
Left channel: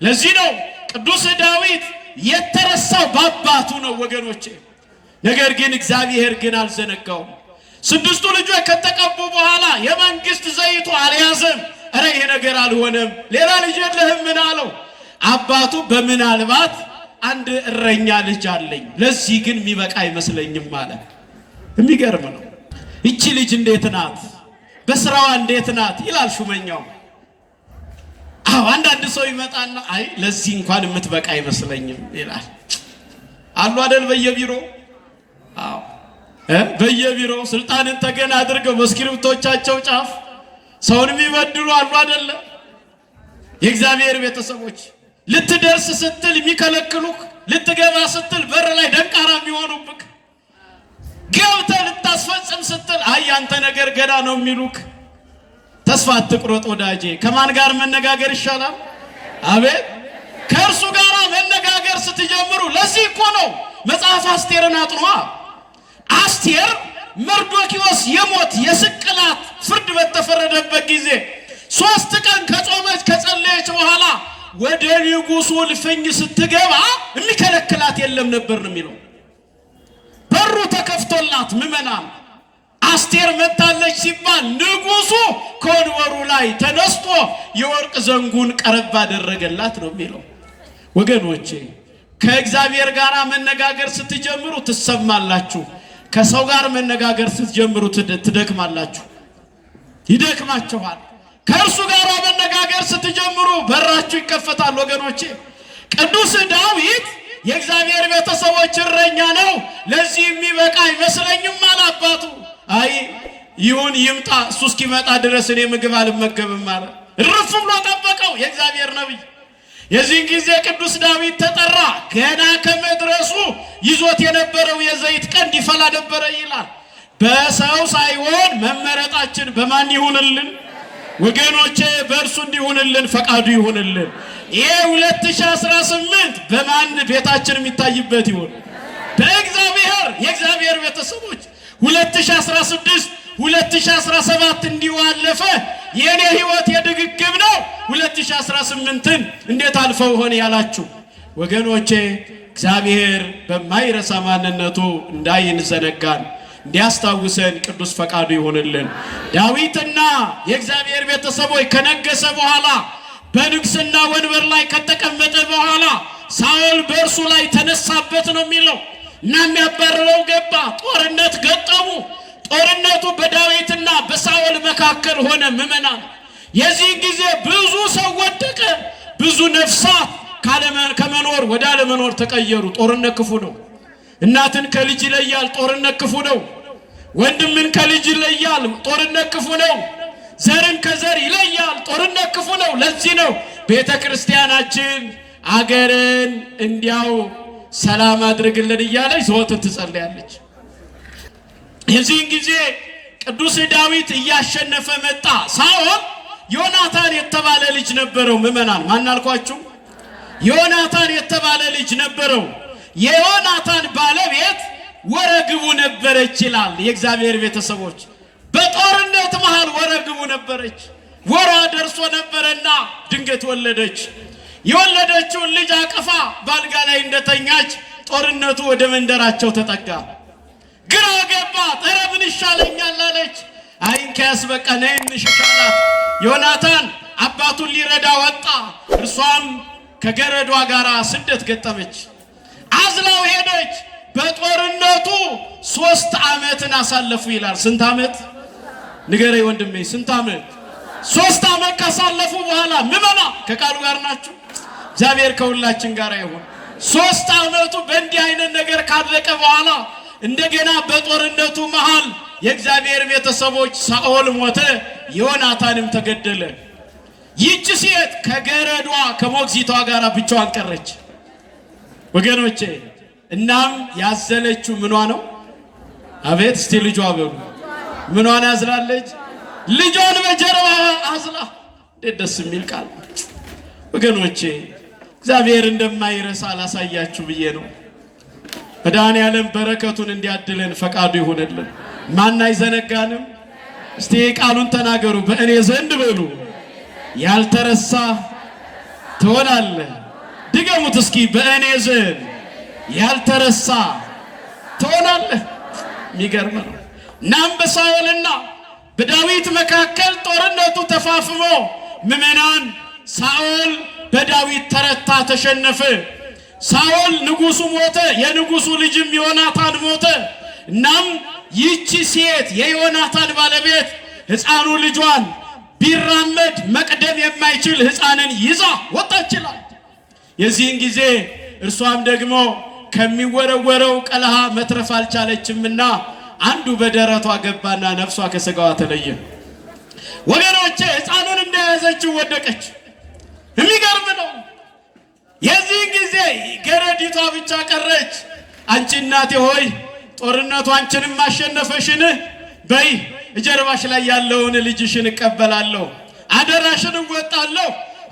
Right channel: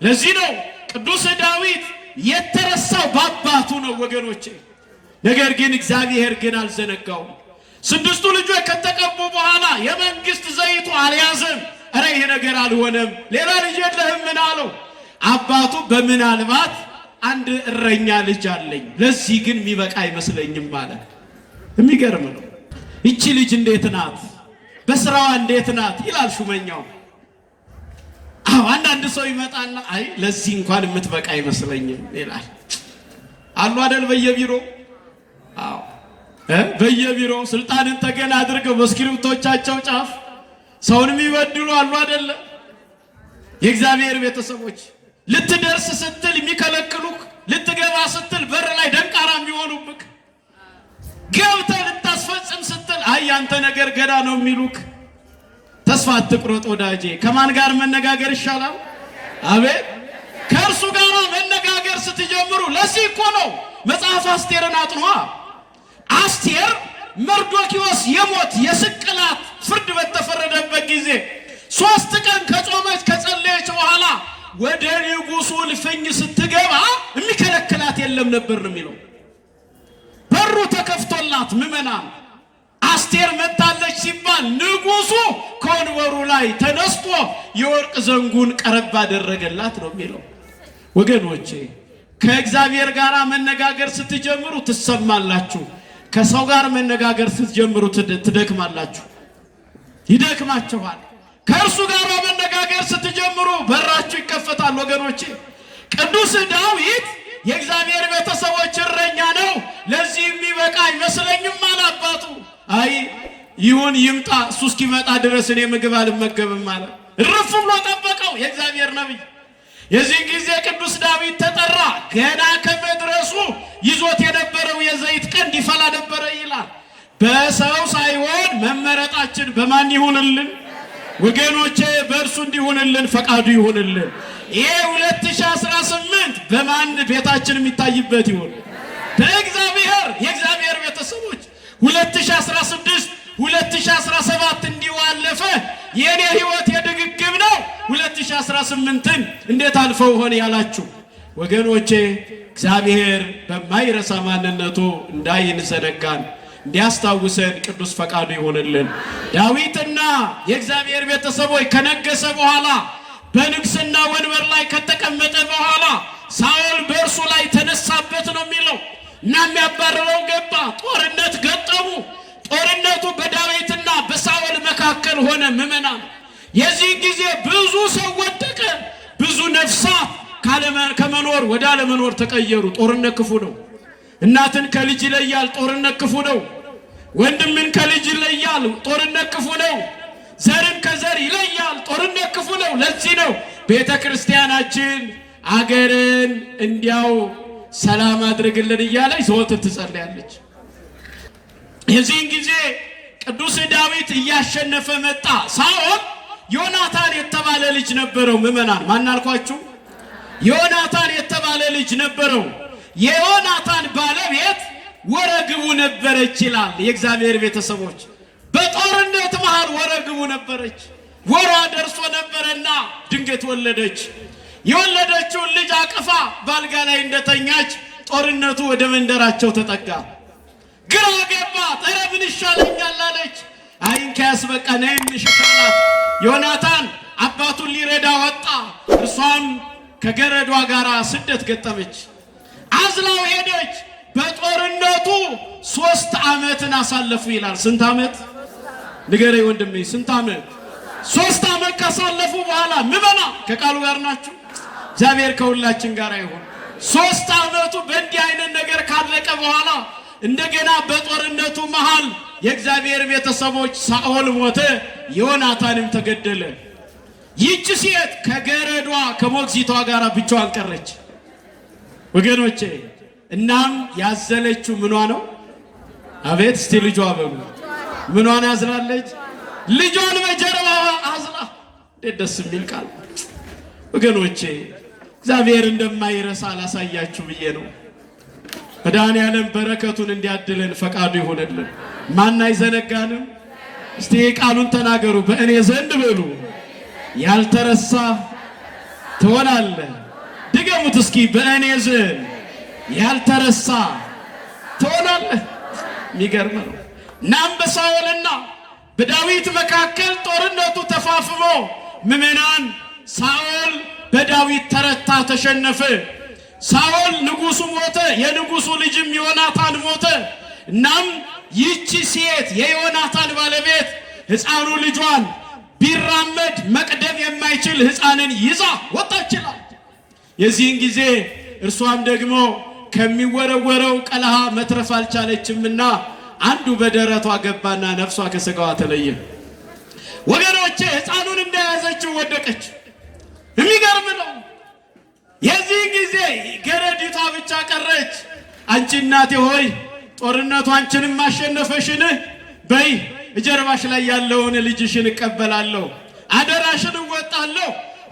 ለዚህ ነው ቅዱስ ዳዊት የተረሳው በአባቱ ነው ወገኖቼ። ነገር ግን እግዚአብሔር ግን አልዘነጋውም። 6ቱ ልጆች ከተቀቡ በኋላ የመንግስት ዘይቱ አልያዘም። እረ ይሄ ነገር አልሆነም፣ ሌላ ልጅ የለህም ምን አለው? አባቱ በምናልባት አንድ እረኛ ልጅ አለኝ፣ ለዚህ ግን የሚበቃ አይመስለኝም ማለት። የሚገርም ነው። እቺ ልጅ እንዴት ናት? በስራዋ እንዴት ናት ይላል ሹመኛው። አዎ አንዳንድ ሰው ይመጣና አይ ለዚህ እንኳን የምትበቃ አይመስለኝም ይላል። አሉ አይደል በየቢሮ በየቢሮ ስልጣንን ተገና አድርገው በስክሪፕቶቻቸው ጫፍ ሰውን የሚበድሉ አሉ አይደለ? የእግዚአብሔር ቤተሰቦች ልትደርስ ስትል የሚከለክሉክ፣ ልትገባ ስትል በር ላይ ደንቃራ የሚሆኑብክ፣ ገብተህ ልታስፈጽም ስትል አይ ያንተ ነገር ገና ነው የሚሉክ። ተስፋ አትቁረጥ ወዳጄ። ከማን ጋር መነጋገር ይሻላል? አቤት ከእርሱ ጋር መነጋገር ስትጀምሩ። ለዚህ እኮ ነው መጽሐፍ አስቴርን አጥኗ። አስቴር መርዶክዮስ የሞት የስቅላት ፍርድ በተፈረደበት ጊዜ 3 ቀን ከጾመች ከጸለየች በኋላ ወደ ንጉሡ ልፍኝ ስትገባ የሚከለክላት የለም ነበር ነው የሚለው። በሩ ተከፍቶላት ምዕመናን አስቴር መጣለች ሲባል ንጉሡ ከወንበሩ ላይ ተነስቶ የወርቅ ዘንጉን ቀረብ አደረገላት ነው የሚለው። ወገኖቼ ከእግዚአብሔር ጋር መነጋገር ስትጀምሩ ትሰማላችሁ። ከሰው ጋር መነጋገር ስትጀምሩ ትደክማላችሁ፣ ይደክማችኋል። ከእርሱ ጋር መነጋገር ስትጀምሩ በራችሁ ይከፈታል። ወገኖቼ ቅዱስ ዳዊት የእግዚአብሔር ቤተሰቦች እረኛ ነው፣ ለዚህ የሚበቃ አይመስለኝም አለ አባቱ። አይ ይሁን ይምጣ፣ እሱ እስኪመጣ ድረስ እኔ ምግብ አልመገብም አለ። እርፍ ብሎ ጠበቀው የእግዚአብሔር ነቢይ። የዚህ ጊዜ ቅዱስ ዳዊት ተጠራ። ገና ከመድረሱ ይዞት የነበረው የዘይት ቀንድ ይፈላ ነበረ ይላል። በሰው ሳይሆን መመረጣችን በማን ይሁንልን ወገኖቼ? በእርሱ እንዲሆንልን ፈቃዱ ይሁንልን። ይሄ 2018 በማን ቤታችን የሚታይበት ይሁን? በእግዚአብሔር። የእግዚአብሔር ቤተሰቦች 2016 2017 እንዲዋለፈ የኔ ህይወት የድግግም ነው። 2018ን እንዴት አልፈው ሆነ ያላችሁ ወገኖቼ እግዚአብሔር በማይረሳ ማንነቱ እንዳይንዘነጋን እንዲያስታውሰን ቅዱስ ፈቃዱ ይሆንልን። ዳዊትና የእግዚአብሔር ቤተሰቦች ከነገሰ በኋላ በንግስና ወንበር ላይ ከተቀመጠ በኋላ ሳኦል በእርሱ ላይ ተነሳበት ነው የሚለው እና የሚያባርረው ገባ። ጦርነት ገጠሙ። ጦርነቱ በዳዊትና በሳኦል መካከል ሆነ። ምዕመናን የዚህ ጊዜ ብዙ ሰው ወደቀ። ብዙ ነፍሳት ከመኖር ወደ አለመኖር ተቀየሩ። ጦርነት ክፉ ነው። እናትን ከልጅ ይለያል። ጦርነት ክፉ ነው። ወንድምን ከልጅ ይለያል። ጦርነት ክፉ ነው። ዘርን ከዘር ይለያል። ጦርነት ክፉ ነው። ለዚህ ነው ቤተ ክርስቲያናችን አገርን እንዲያው ሰላም አድርግልን እያለች ዘወትር ትጸልያለች። የዚህን ጊዜ ቅዱስ ዳዊት እያሸነፈ መጣ። ሳኦል ዮናታን የተባለ ልጅ ነበረው። ምዕመናን ማን አልኳችሁ? ዮናታን የተባለ ልጅ ነበረው። የዮናታን ባለቤት ወረግቡ ነበረች ይላል የእግዚአብሔር ቤተሰቦች። በጦርነት መሃል ወረግቡ ነበረች። ወራ ደርሶ ነበረና ድንገት ወለደች። የወለደችውን ልጅ አቅፋ ባልጋ ላይ እንደተኛች ጦርነቱ ወደ መንደራቸው ተጠጋ። ግራ ገባት። ኧረ ምን ይሻለኛል አለች። አይንከያስ በቃ ነይ እንሽሻላት። ዮናታን አባቱን ሊረዳ ወጣ። እርሷም ከገረዷ ጋር ስደት ገጠመች። አዝላው ሄደች። በጦርነቱ 3 ዓመትን አሳለፉ ይላል። ስንት ዓመት ንገረኝ ወንድሜ? ስንት ዓመት? 3 ዓመት ካሳለፉ በኋላ ምመና ከቃሉ ጋር ናችሁ። እግዚአብሔር ከሁላችን ጋር ይሁን። 3 ዓመቱ በእንዲህ አይነት ነገር ካለቀ በኋላ እንደገና በጦርነቱ መሃል የእግዚአብሔር ቤተሰቦች ሳኦል ሞተ፣ ዮናታንም ተገደለ። ይህች ሴት ከገረዷ ከሞግዚቷ ጋር ብቻዋን ቀረች ወገኖቼ። እናም ያዘለችው ምኗ ነው? አቤት እስቲ ልጇ በሉ። ምኗን ያዝላለች? ልጇን በጀርባ አዝላ። ደስ የሚል ቃል ወገኖቼ። እግዚአብሔር እንደማይረሳ አላሳያችሁ ብዬ ነው። መድኃኔዓለም በረከቱን እንዲያድለን ፈቃዱ ይሁንልን። ማን አይዘነጋንም? እስቲ ቃሉን ተናገሩ። በእኔ ዘንድ በሉ ያልተረሳ ትሆናለህ። ድገሙት እስኪ። በእኔ ዘንድ ያልተረሳ ትሆናለህ። የሚገርም ናም በሳኦልና በዳዊት መካከል ጦርነቱ ተፋፍሞ ምዕመናን ሳኦል በዳዊት ተረታ፣ ተሸነፈ። ሳኦል ንጉሱ ሞተ፣ የንጉሱ ልጅም ዮናታን ሞተ። እናም ይህቺ ሴት የዮናታን ባለቤት ሕፃኑ ልጇን ቢራመድ መቅደም የማይችል ሕፃንን ይዛ ወጣችላል። የዚህን ጊዜ እርሷም ደግሞ ከሚወረወረው ቀለሃ መትረፍ አልቻለችምና አንዱ በደረቷ ገባና ነፍሷ ከሥጋዋ ተለየ። ወገኖቼ ሕፃኑን እንደያዘችው ወደቀች። የሚገርም ነው። የዚህን ጊዜ ገረዲቷ ብቻ ቀረች። አንቺ እናቴ ሆይ ጦርነቱ አንቺንም ማሸነፈሽን በይ ጀርባሽ ላይ ያለውን ልጅሽን እቀበላለሁ፣ አደራሽን እወጣለሁ፣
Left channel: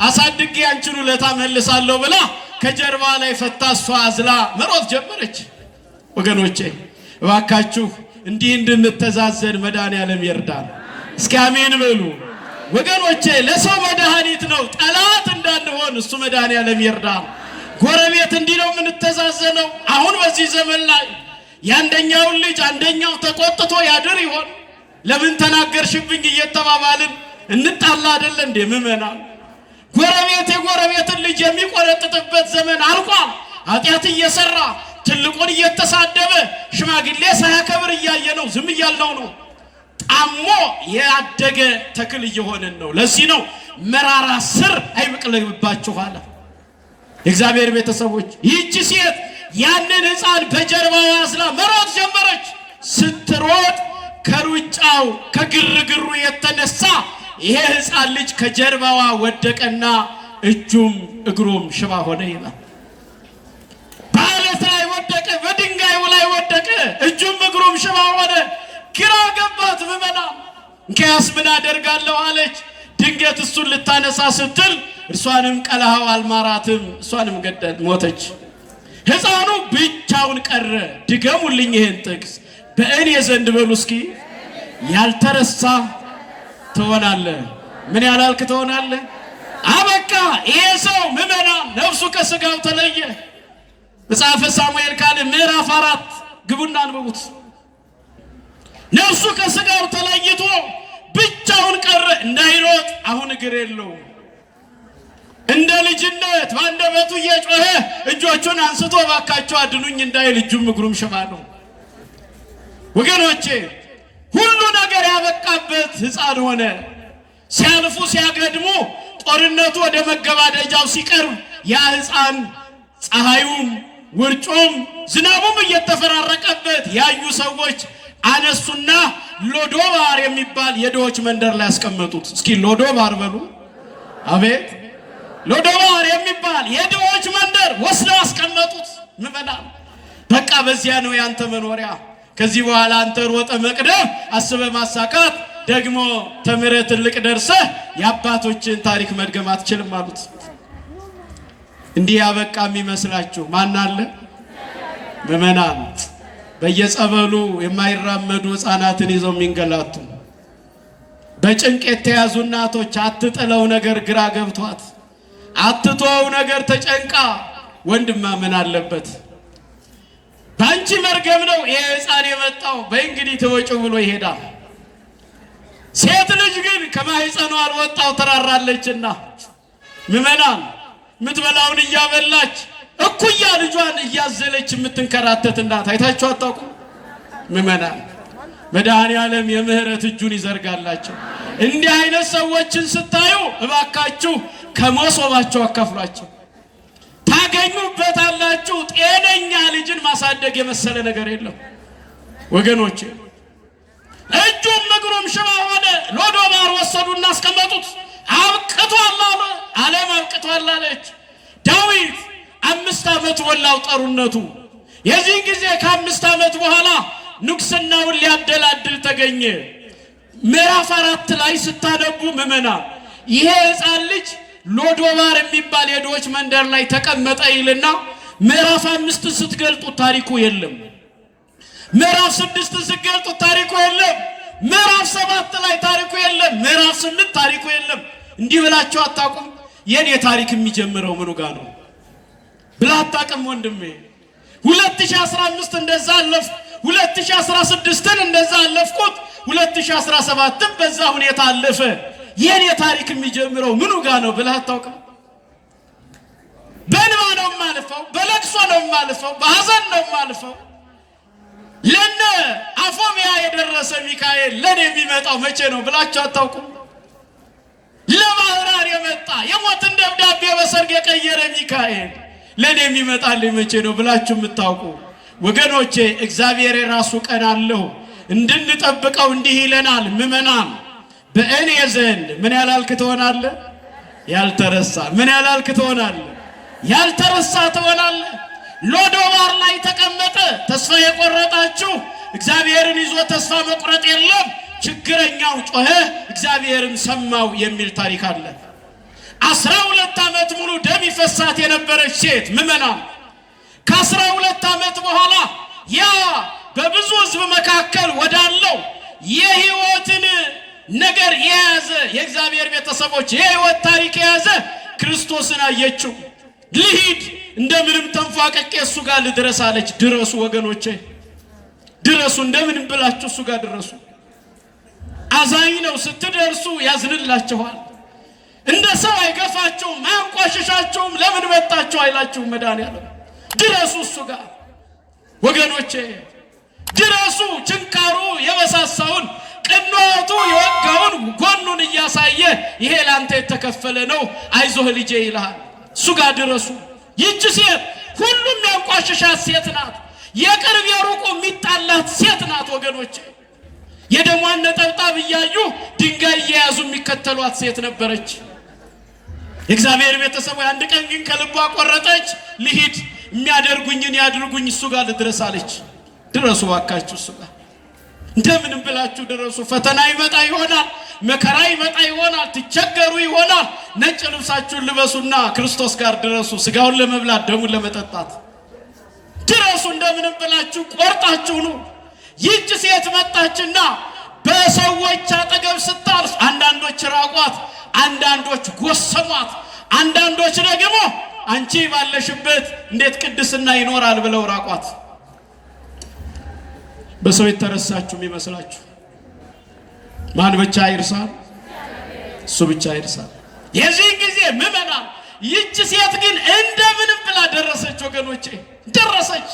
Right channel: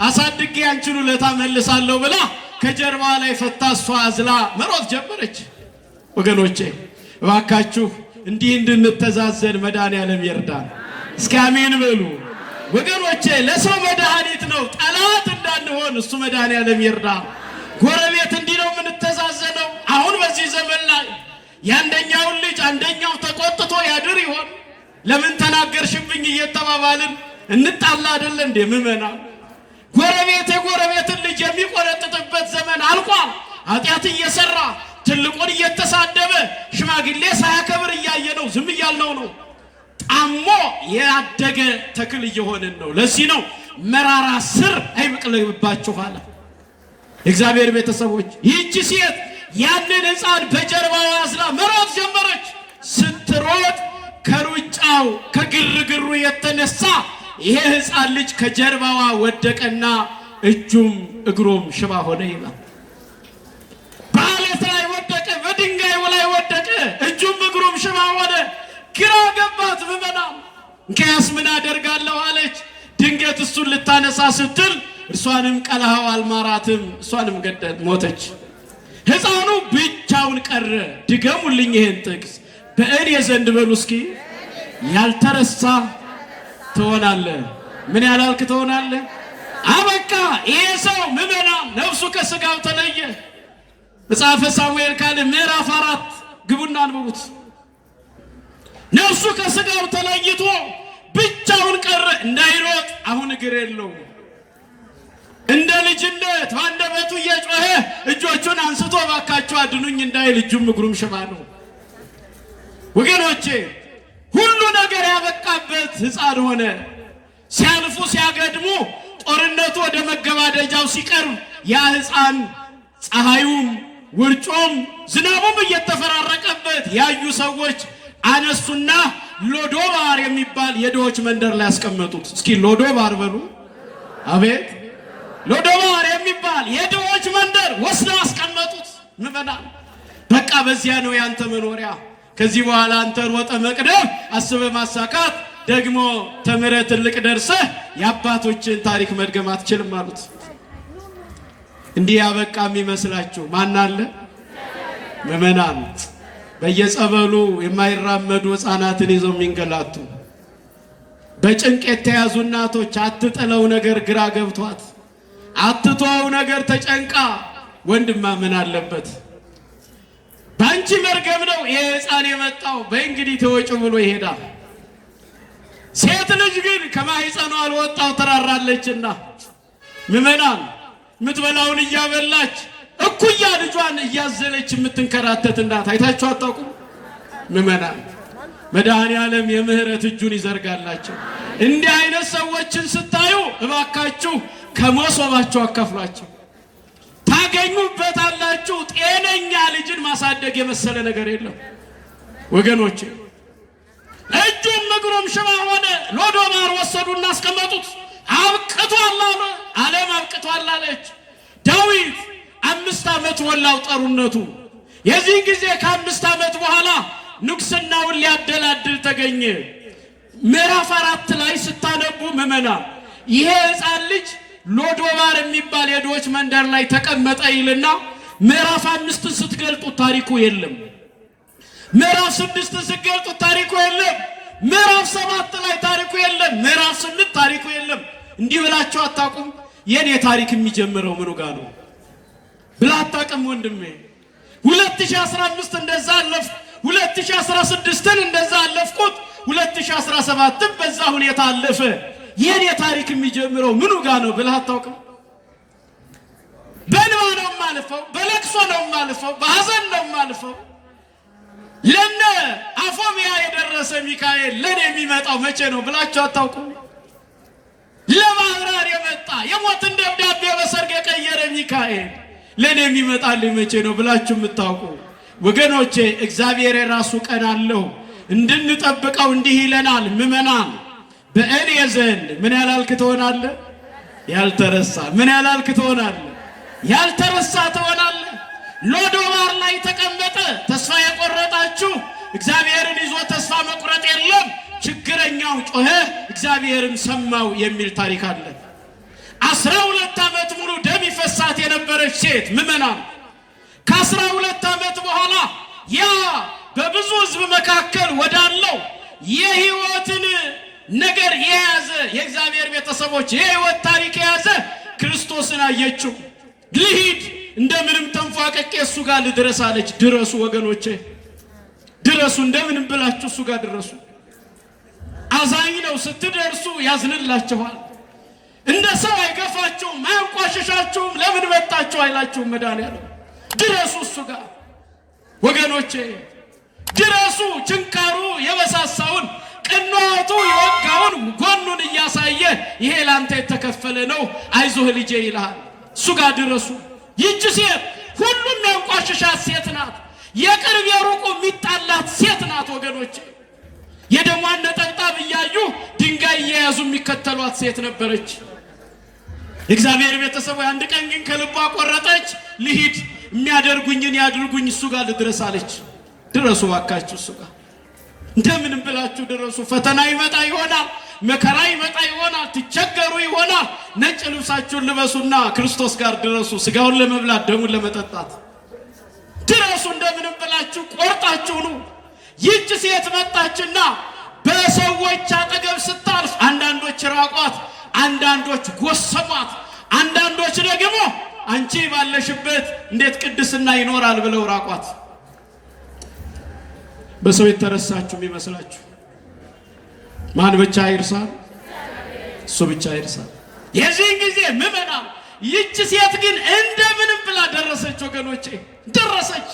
አሳድጌ አንቺን ውለታ መልሳለሁ ብላ ከጀርባ ላይ ፈታ እሷ አዝላ መሮጥ ጀመረች። ወገኖቼ እባካችሁ እንዲህ እንድንተዛዘን መድኃኔዓለም ይርዳን። እስኪ አሜን በሉ ወገኖቼ። ለሰው መድኃኒት ነው፣ ጠላት እንዳንሆን እሱ መድኃኔዓለም ይርዳን። ጎረቤት እንዲህ ነው የምንተዛዘነው። አሁን በዚህ ዘመን ላይ የአንደኛውን ልጅ አንደኛው ተቆጥቶ ያድር ይሆን? ለምን ተናገርሽብኝ እየተባባልን እንጣላ አይደለ እንዴ? ምመና ጎረቤት የጎረቤትን ልጅ የሚቆረጥጥበት ዘመን አልቋል። ኃጢአት እየሰራ ትልቁን እየተሳደበ ሽማግሌ ሳያከብር እያየ ነው፣ ዝም እያልነው ነው። ጣሞ ያደገ ተክል እየሆንን ነው። ለዚህ ነው መራራ ስር አይበቅልባችሁ አለ የእግዚአብሔር ቤተሰቦች። ይህች ሴት ያንን ሕፃን በጀርባ ያዝላ መሮጥ ጀመረች። ስትሮጥ ከሩጫው ከግርግሩ የተነሳ ይሄ ሕፃን ልጅ ከጀርባዋ ወደቀና እጁም እግሩም ሽባ ሆነ ይላል። በአለት ላይ ወደቀ፣ በድንጋዩ ላይ ወደቀ፣ እጁም እግሩም ሽባ ሆነ። ግራ ገባት። ምመና እንኪያስ ምን አደርጋለሁ አለች። ድንገት እሱን ልታነሳ ስትል እርሷንም ቀለሃው አልማራትም፣ እሷንም ገደል ሞተች። ሕፃኑ ብቻውን ቀረ። ድገሙልኝ ይሄን ጥቅስ። በእኔ ዘንድ በሉ እስኪ ያልተረሳ ትሆናለህ። ምን ያላልክ ትሆናለህ? አበቃ። ይሄ ሰው ምመና ነፍሱ ከሥጋው ተለየ። መጽሐፈ ሳሙኤል ካለ ምዕራፍ 4 ግቡና አንብቡት። ነፍሱ ከሥጋው ተለይቶ ብቻውን ቀረ። እንዳይሮጥ አሁን እግር የለውም። እንደ ልጅነት በአንደበቱ እየጮኸ እጆቹን አንስቶ ባካቸው አድኑኝ እንዳይል እጁም እግሩም ሽባ ነው። ወገኖቼ ሁሉ ነገር ያበቃበት ሕፃን ሆነ። ሲያልፉ ሲያገድሙ ጦርነቱ ወደ መገባደጃው ሲቀርብ ያ ሕፃን ፀሐዩም ውርጩም ዝናቡም እየተፈራረቀበት ያዩ ሰዎች አነሱና ሎዶባር የሚባል የድሆች መንደር ላይ ያስቀመጡት። እስኪ ሎዶባር በሉ። አቤት ሎዶባር የሚባል የድሆች መንደር ወስደው አስቀመጡት። ምበላ በቃ በዚያ ነው ያንተ መኖሪያ። ከዚህ በኋላ አንተ ሮጠ መቅደም አስበ ማሳካት ደግሞ ተምረ ትልቅ ደርሰ የአባቶችን ታሪክ መድገም አትችልም አሉት። እንዲህ ያበቃ የሚመስላችሁ ማን አለ? ምእመናን በየጸበሉ የማይራመዱ ሕፃናትን ይዘው የሚንገላቱ በጭንቅ የተያዙ እናቶች አትጥለው ነገር ግራ ገብቷት አትተው ነገር ተጨንቃ ወንድማ ምን አለበት ባንቺ መርገም ነው ይሄ ሕፃን የመጣው በእንግዲህ ተወጪ ብሎ ይሄዳል። ሴት ልጅ ግን ከማህፀኗ አልወጣው ተራራለችና ምእመናን ምትበላውን እያበላች እኩያ ልጇን እያዘለች የምትንከራተት እናት አይታችሁ አታውቁ? ምእመናን መድኃኔዓለም የምህረት እጁን ይዘርጋላችሁ። እንዲህ አይነት ሰዎችን ስታዩ እባካችሁ ከመሶባቸው አካፍሏቸው ታገኙበታላችሁ። ጤነኛ ልጅን ማሳደግ የመሰለ ነገር የለም ወገኖቼ። እጁም እግሩም ሽባ ሆነ። ሎዶባር ወሰዱና አስቀመጡት። አብቅቷል አለ። ዓለም አብቅቷል አለች። ዳዊት 5 ዓመት ወላው ጠሩነቱ። የዚህ ጊዜ ከ5 ዓመት በኋላ ንግስናውን ሊያደላድል ተገኘ። ምዕራፍ 4 ላይ ስታነቡ ምእመናን ይሄ ሕፃን ልጅ ሎዶባር የሚባል የድሆች መንደር ላይ ተቀመጠ ይልና ምዕራፍ 5 ስትገልጡት ታሪኩ የለም። ምዕራፍ 6 ስትገልጡት ታሪኩ የለም። ምዕራፍ 7 ላይ ታሪኩ የለም። ምዕራፍ 8 ታሪኩ የለም። እንዲህ ብላችሁ አታውቁም? የኔ ታሪክ የሚጀምረው ምኑ ጋር ነው ብለህ አታውቅም ወንድሜ? 2015 እንደዛ አለፍ፣ 2016ን እንደዛ አለፍኩት፣ 2017ን በዛ ሁኔታ አለፈ። የኔ ታሪክ የሚጀምረው ምኑ ጋር ነው ብለህ አታውቅም? በእንባ ነው የማልፈው፣ በለቅሶ ነው የማልፈው፣ በሐዘን ነው የማልፈው። ለነ አፎሚያ የደረሰ ሚካኤል ለኔ የሚመጣው መቼ ነው ብላችሁ አታውቁም? ለማህራር የመጣ የሞትን ደብዳቤ በሰርግ የቀየረ ሚካኤል ለኔ የሚመጣልኝ መቼ ነው ብላችሁ የምታውቁ ወገኖቼ፣ እግዚአብሔር የራሱ ቀን አለው እንድንጠብቀው እንዲህ ይለናል። ምእመናን በእኔ ዘንድ ምን ያላልክ ትሆናለህ? ያልተረሳ። ምን ያላልክ ትሆናለህ? ያልተረሳ ትሆናለህ። ሎዶባር ላይ ተቀመጠ። ተስፋ የቆረጣችሁ እግዚአብሔርን ይዞ ተስፋ መቁረጥ የለም። ችግረኛው ጮኸ፣ እግዚአብሔርም ሰማው የሚል ታሪክ አለ። 12 ዓመት ሙሉ ደም ይፈሳት የነበረች ሴት ምእመናን ከ12 ዓመት በኋላ ያ በብዙ ሕዝብ መካከል ወዳለው የሕይወትን ነገር የያዘ የእግዚአብሔር ቤተሰቦች የሕይወት ታሪክ የያዘ ክርስቶስን አየችው። ልሂድ እንደምንም ተንፏቀቄ እሱ ጋር ልድረስ አለች። ድረሱ ወገኖቼ፣ ድረሱ። እንደምንም ብላችሁ እሱ ጋር ድረሱ። አዛኝ ነው። ስትደርሱ ያዝንላችኋል። እንደ ሰው አይገፋችሁም፣ አያንቋሽሻችሁም። ለምን መጣችሁ አይላችሁም። መድኃኔዓለም ድረሱ እሱ ጋር ወገኖቼ፣ ድረሱ። ችንካሩ የበሳሳውን ቅንዋቱ የወጋውን ጎኑን እያሳየ ይሄ ላንተ የተከፈለ ነው አይዞህ ልጄ ይልሃል። እሱ ጋር ድረሱ። ይህች ሴት ሁሉም ያንቋሽሻት ሴት ናት። የቅርብ የሩቁ የሚጣላት ሴት ናት ወገኖቼ። የደሟን ነጠብጣብ እያዩ ድንጋይ እየያዙ የሚከተሏት ሴት ነበረች። እግዚአብሔር ቤተሰቡ አንድ ቀን ግን ከልቧ ቆረጠች። ልሂድ፣ የሚያደርጉኝን ያድርጉኝ፣ እሱ ጋር ልድረስ አለች። ድረሱ ዋካችሁ እሱ ጋር እንደምንም ብላችሁ ድረሱ። ፈተና ይመጣ ይሆናል፣ መከራ ይመጣ ይሆናል፣ ትቸገሩ ይሆናል። ነጭ ልብሳችሁን ልበሱና ክርስቶስ ጋር ድረሱ። ስጋውን ለመብላት ደሙን ለመጠጣት ድረሱ። እንደምንም ብላችሁ ቆርጣችሁ ነው። ይህች ሴት መጣችና በሰዎች አጠገብ ስታልፍ አንዳንዶች ራቋት፣ አንዳንዶች ጎሰሟት፣ አንዳንዶች ደግሞ አንቺ ባለሽበት እንዴት ቅድስና ይኖራል ብለው ራቋት። በሰው የተረሳችሁ የሚመስላችሁ ማን ብቻ ይርሳል? እሱ ብቻ ይርሳል። የዚህ ጊዜ ምእመናን ይህች ሴት ግን እንደምንም ብላ ደረሰች ወገኖቼ፣ ደረሰች።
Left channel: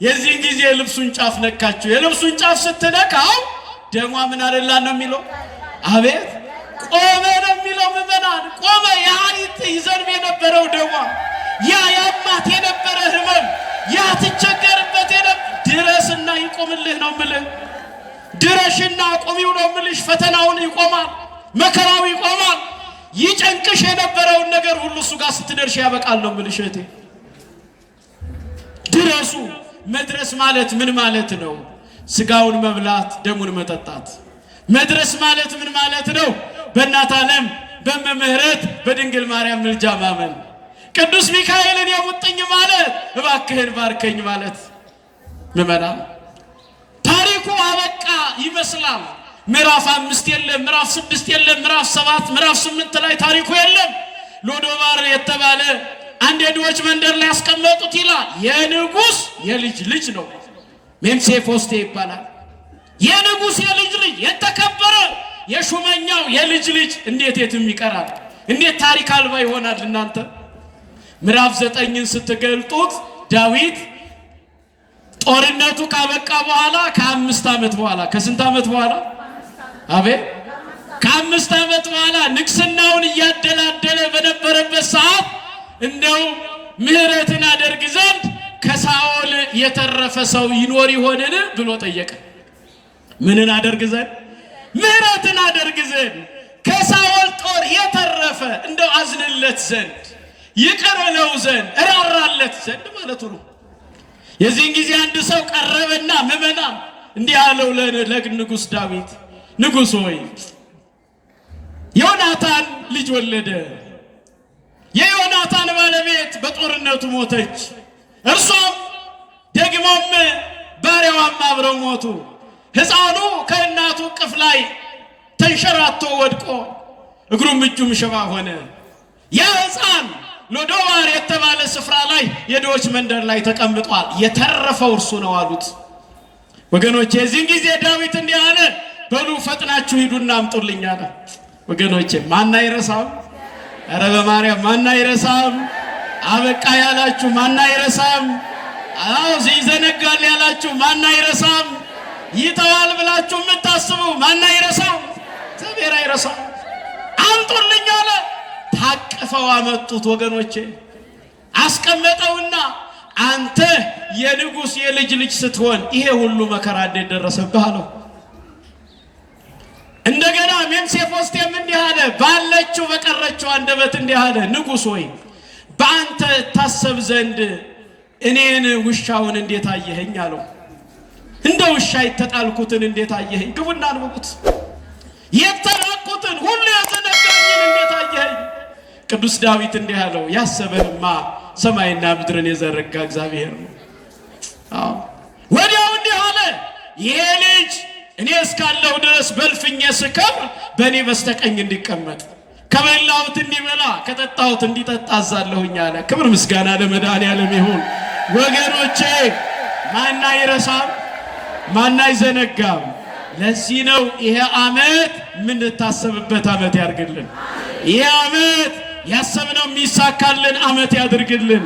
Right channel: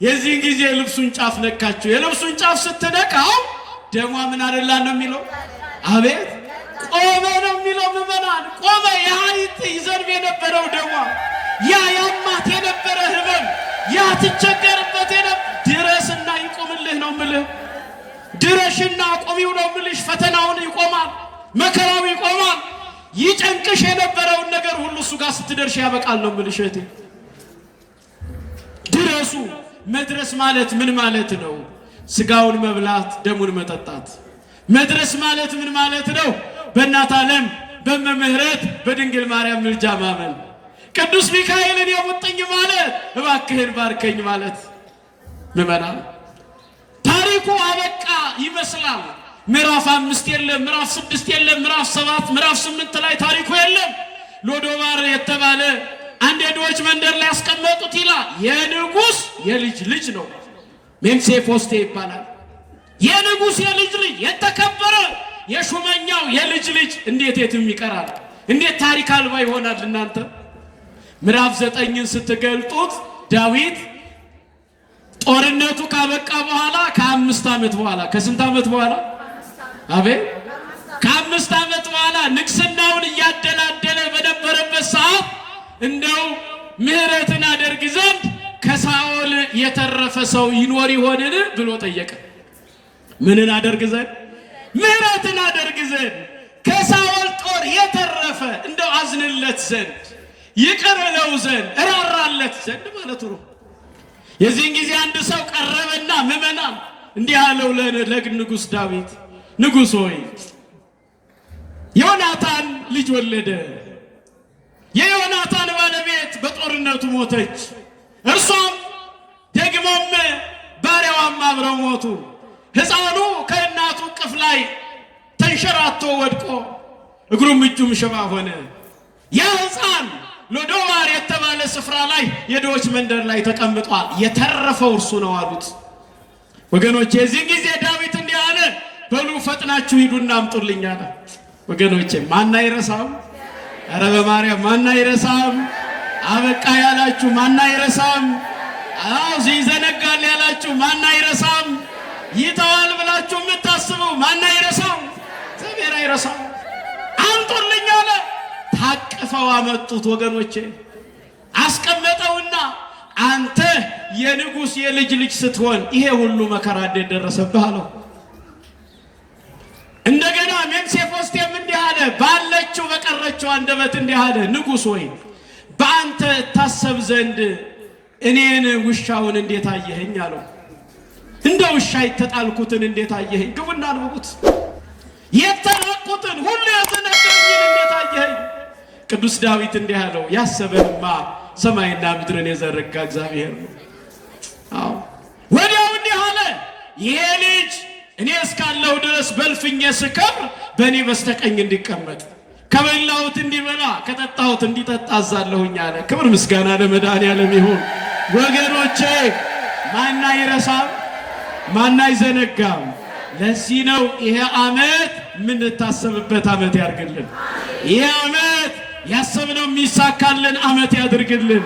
የዚህ ጊዜ ልብሱን ጫፍ ነካችሁ። የልብሱን ጫፍ ስትነካው ደሟ ምን አደላ ነው የሚለው? አቤት ቆመ ነው የሚለው። ምእመናን ቆመ። ያይት ይዘርብ የነበረው ደሟ፣ ያ ያማት የነበረ ህመም፣ ያ ትቸገርበት ድረስና ይቆምልህ ነው የምልህ። ድረሽና ቆሚው ነው የምልሽ። ፈተናውን ይቆማል፣ መከራው ይቆማል። ይጨንቅሽ የነበረውን ነገር ሁሉ እሱ ጋር ስትደርሽ ያበቃል ነው የምልሽ እህቴ። ድረሱ። መድረስ ማለት ምን ማለት ነው? ስጋውን መብላት ደሙን መጠጣት። መድረስ ማለት ምን ማለት ነው? በእናት ዓለም በመምህረት በድንግል ማርያም ምልጃ ማመን። ቅዱስ ሚካኤልን የሙጥኝ ማለት እባክህን ባርከኝ ማለት። ምዕመናን ታሪኩ አበቃ ይመስላል። ምዕራፍ 5 የለም፣ ምዕራፍ 6 የለም፣ ምዕራፍ 7 ምዕራፍ 8 ላይ ታሪኩ የለም። ሎዶባር የተባለ አንድ የድሆች መንደር ላይ ያስቀመጡት ይላል። የንጉሥ የልጅ ልጅ ነው። ሜምሴፎስቴ ይባላል። የንጉሥ የልጅ ልጅ የተከበረ የሹመኛው የልጅ ልጅ እንዴት የትም ይቀራል? እንዴት ታሪክ አልባ ይሆናል? እናንተ ምዕራፍ 9ን ስትገልጡት ዳዊት ጦርነቱ ካበቃ በኋላ ከ5 ዓመት በኋላ ከስንት ዓመት በኋላ አቤት ከ5 ዓመት በኋላ ንግስናውን እያደላደለ በነበረበት ሰዓት እንደው ምሕረትን አደርግ ዘንድ ከሳኦል የተረፈ ሰው ይኖር ይሆንን ብሎ ጠየቀ። ምንን አደርግ ዘንድ? ምሕረትን አደርግ ዘንድ ከሳኦል ጦር የተረፈ እንደው አዝንለት ዘንድ ይቅር እለው ዘንድ እራራለት ዘንድ ማለቱ ነው። የዚህን ጊዜ አንድ ሰው ቀረበና ምዕመናን እንዲህ አለው ለንጉሥ ዳዊት፣ ንጉሥ ሆይ ዮናታን ልጅ ወለደ። የዮናታን ባለቤት በጦርነቱ ሞተች። እርሷም ደግሞም ባሪያዋም አብረው ሞቱ። ሕፃኑ ከእናቱ እቅፍ ላይ ተንሸራቶ ወድቆ እግሩም እጁም ሽባ ሆነ። ያ ሕፃን ሎዶባር የተባለ ስፍራ ላይ የድሆች መንደር ላይ ተቀምጧል። የተረፈው እርሱ ነው አሉት። ወገኖቼ የዚህን ጊዜ ዳዊት እንዲህ አለ፣ በሉ ፈጥናችሁ ሂዱና አምጡልኝ አለ። ወገኖቼ ማን አይረሳም? ኧረ በማርያም ማን አይረሳም? አበቃ ያላችሁ ማን አይረሳም? አዎ ይዘነጋል ያላችሁ ማን አይረሳም? ይተዋል ብላችሁ የምታስቡ ማን አይረሳም? እግዚአብሔር አይረሳም። አምጡልኝ አለ። ታቅፈው አመጡት። ወገኖቼ አስቀመጠውና አንተ የንጉሥ የልጅ ልጅ ስትሆን ይሄ ሁሉ መከራ እንዴት ደረሰብህ አለው። እንደገና ሜምሴፎስቴም እንዲህ አለ፣ ባለችው በቀረችው አንደበት እንዲህ አለ፣ ንጉሥ ሆይ በአንተ ታሰብ ዘንድ እኔን ውሻውን እንዴት አየኸኝ አለው። እንደ ውሻ የተጣልኩትን እንዴት አየኸኝ? ግቡና አንብቡት። የተራቁትን ሁሉ የተነገረኝን እንዴት አየኸኝ? ቅዱስ ዳዊት እንዲህ አለው፣ ያሰበንማ ሰማይና ምድርን የዘረጋ እግዚአብሔር ነው። ወዲያው እንዲህ አለ፣ ይሄ ልጅ እኔ እስካለሁ ድረስ በልፍኜ ስከብር በእኔ በስተቀኝ እንዲቀመጥ፣ ከበላሁት እንዲበላ ከጠጣሁት እንዲጠጣ አዛለሁኝ አለ። ክብር ምስጋና ለመድኃኔዓለም ይሁን። ወገኖቼ ማን አይረሳም? ማን አይዘነጋም? ለዚህ ነው ይሄ ዓመት የምንታሰብበት ዓመት ያድርግልን። ይሄ ዓመት ያሰብነው የሚሳካልን ዓመት ያድርግልን።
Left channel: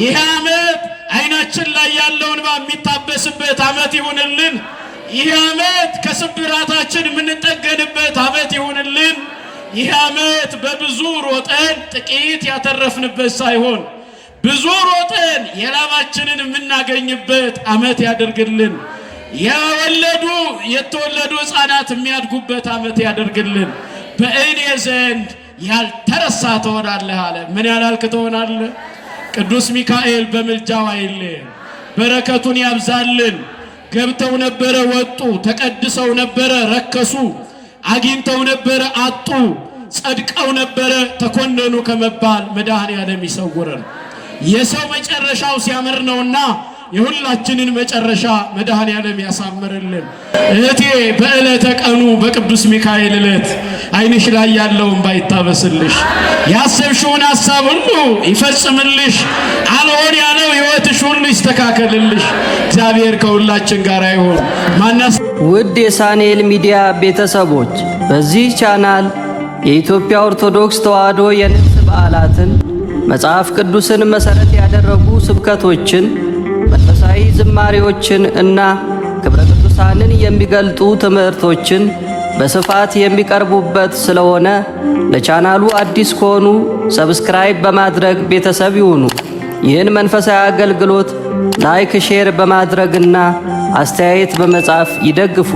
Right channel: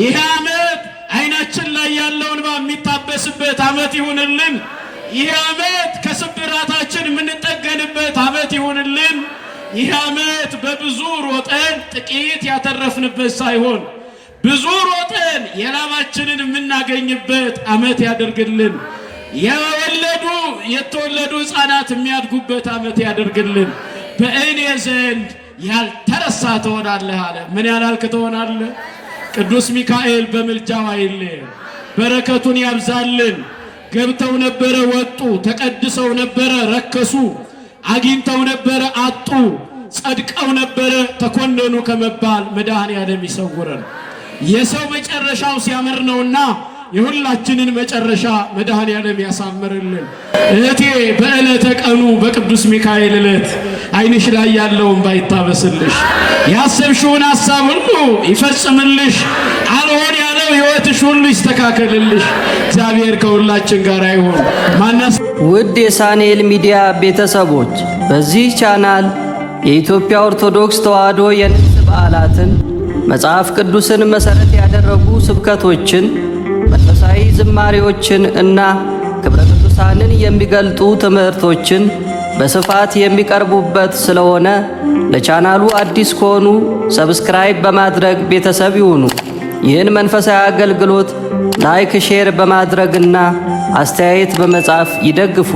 ይሄ ዓመት አይናችን ላይ ያለው እንባ የሚታበስበት ዓመት ይሁንልን። ይሄ ዓመት ከስብራታችን የምንጠገንበት ዓመት ይሁንልን። ይሄ ዓመት በብዙ ሮጠን ጥቂት ያተረፍንበት ሳይሆን ብዙ ሮጠን የላባችንን የምናገኝበት ዓመት ያደርግልን። የተወለዱ ሕፃናት የሚያድጉበት ዓመት ያደርግልን። በእኔ ዘንድ ያልተረሳ ትሆናለህ አለ። ምን ያላልክ ትሆናለህ? ቅዱስ ሚካኤል በምልጃው አይለየን፣ በረከቱን ያብዛልን። ገብተው ነበረ ወጡ፣ ተቀድሰው ነበረ ረከሱ፣ አግኝተው ነበረ አጡ፣ ጸድቀው ነበረ ተኮነኑ ከመባል መድኃኔዓለም ይሰውረን። የሰው መጨረሻው ሲያምር ነውና የሁላችንን መጨረሻ መድኃኔዓለም ያሳምርልን። እህቴ በዕለተ ቀኑ በቅዱስ ሚካኤል ዕለት ዓይንሽ ላይ ያለውን ባይታበስልሽ፣ ያሰብሽውን ሐሳብ ሁሉ ይፈጽምልሽ፣ አልሆን ያለው ሕይወትሽ ሁሉ ይስተካከልልሽ። እግዚአብሔር ከሁላችን ጋር ይሁን። ውድ የሳንኤል ሚዲያ ቤተሰቦች በዚህ ቻናል የኢትዮጵያ ኦርቶዶክስ ተዋሕዶ የንግስ በዓላትን፣ መጽሐፍ ቅዱስን መሠረት ያደረጉ ስብከቶችን፣ መንፈሳዊ ዝማሬዎችን እና ክብረ ቅዱሳንን የሚገልጡ ትምህርቶችን በስፋት የሚቀርቡበት ስለሆነ ለቻናሉ አዲስ ከሆኑ ሰብስክራይብ በማድረግ ቤተሰብ ይሁኑ። ይህን መንፈሳዊ አገልግሎት ላይክ፣ ሼር በማድረግና አስተያየት በመጻፍ ይደግፉ።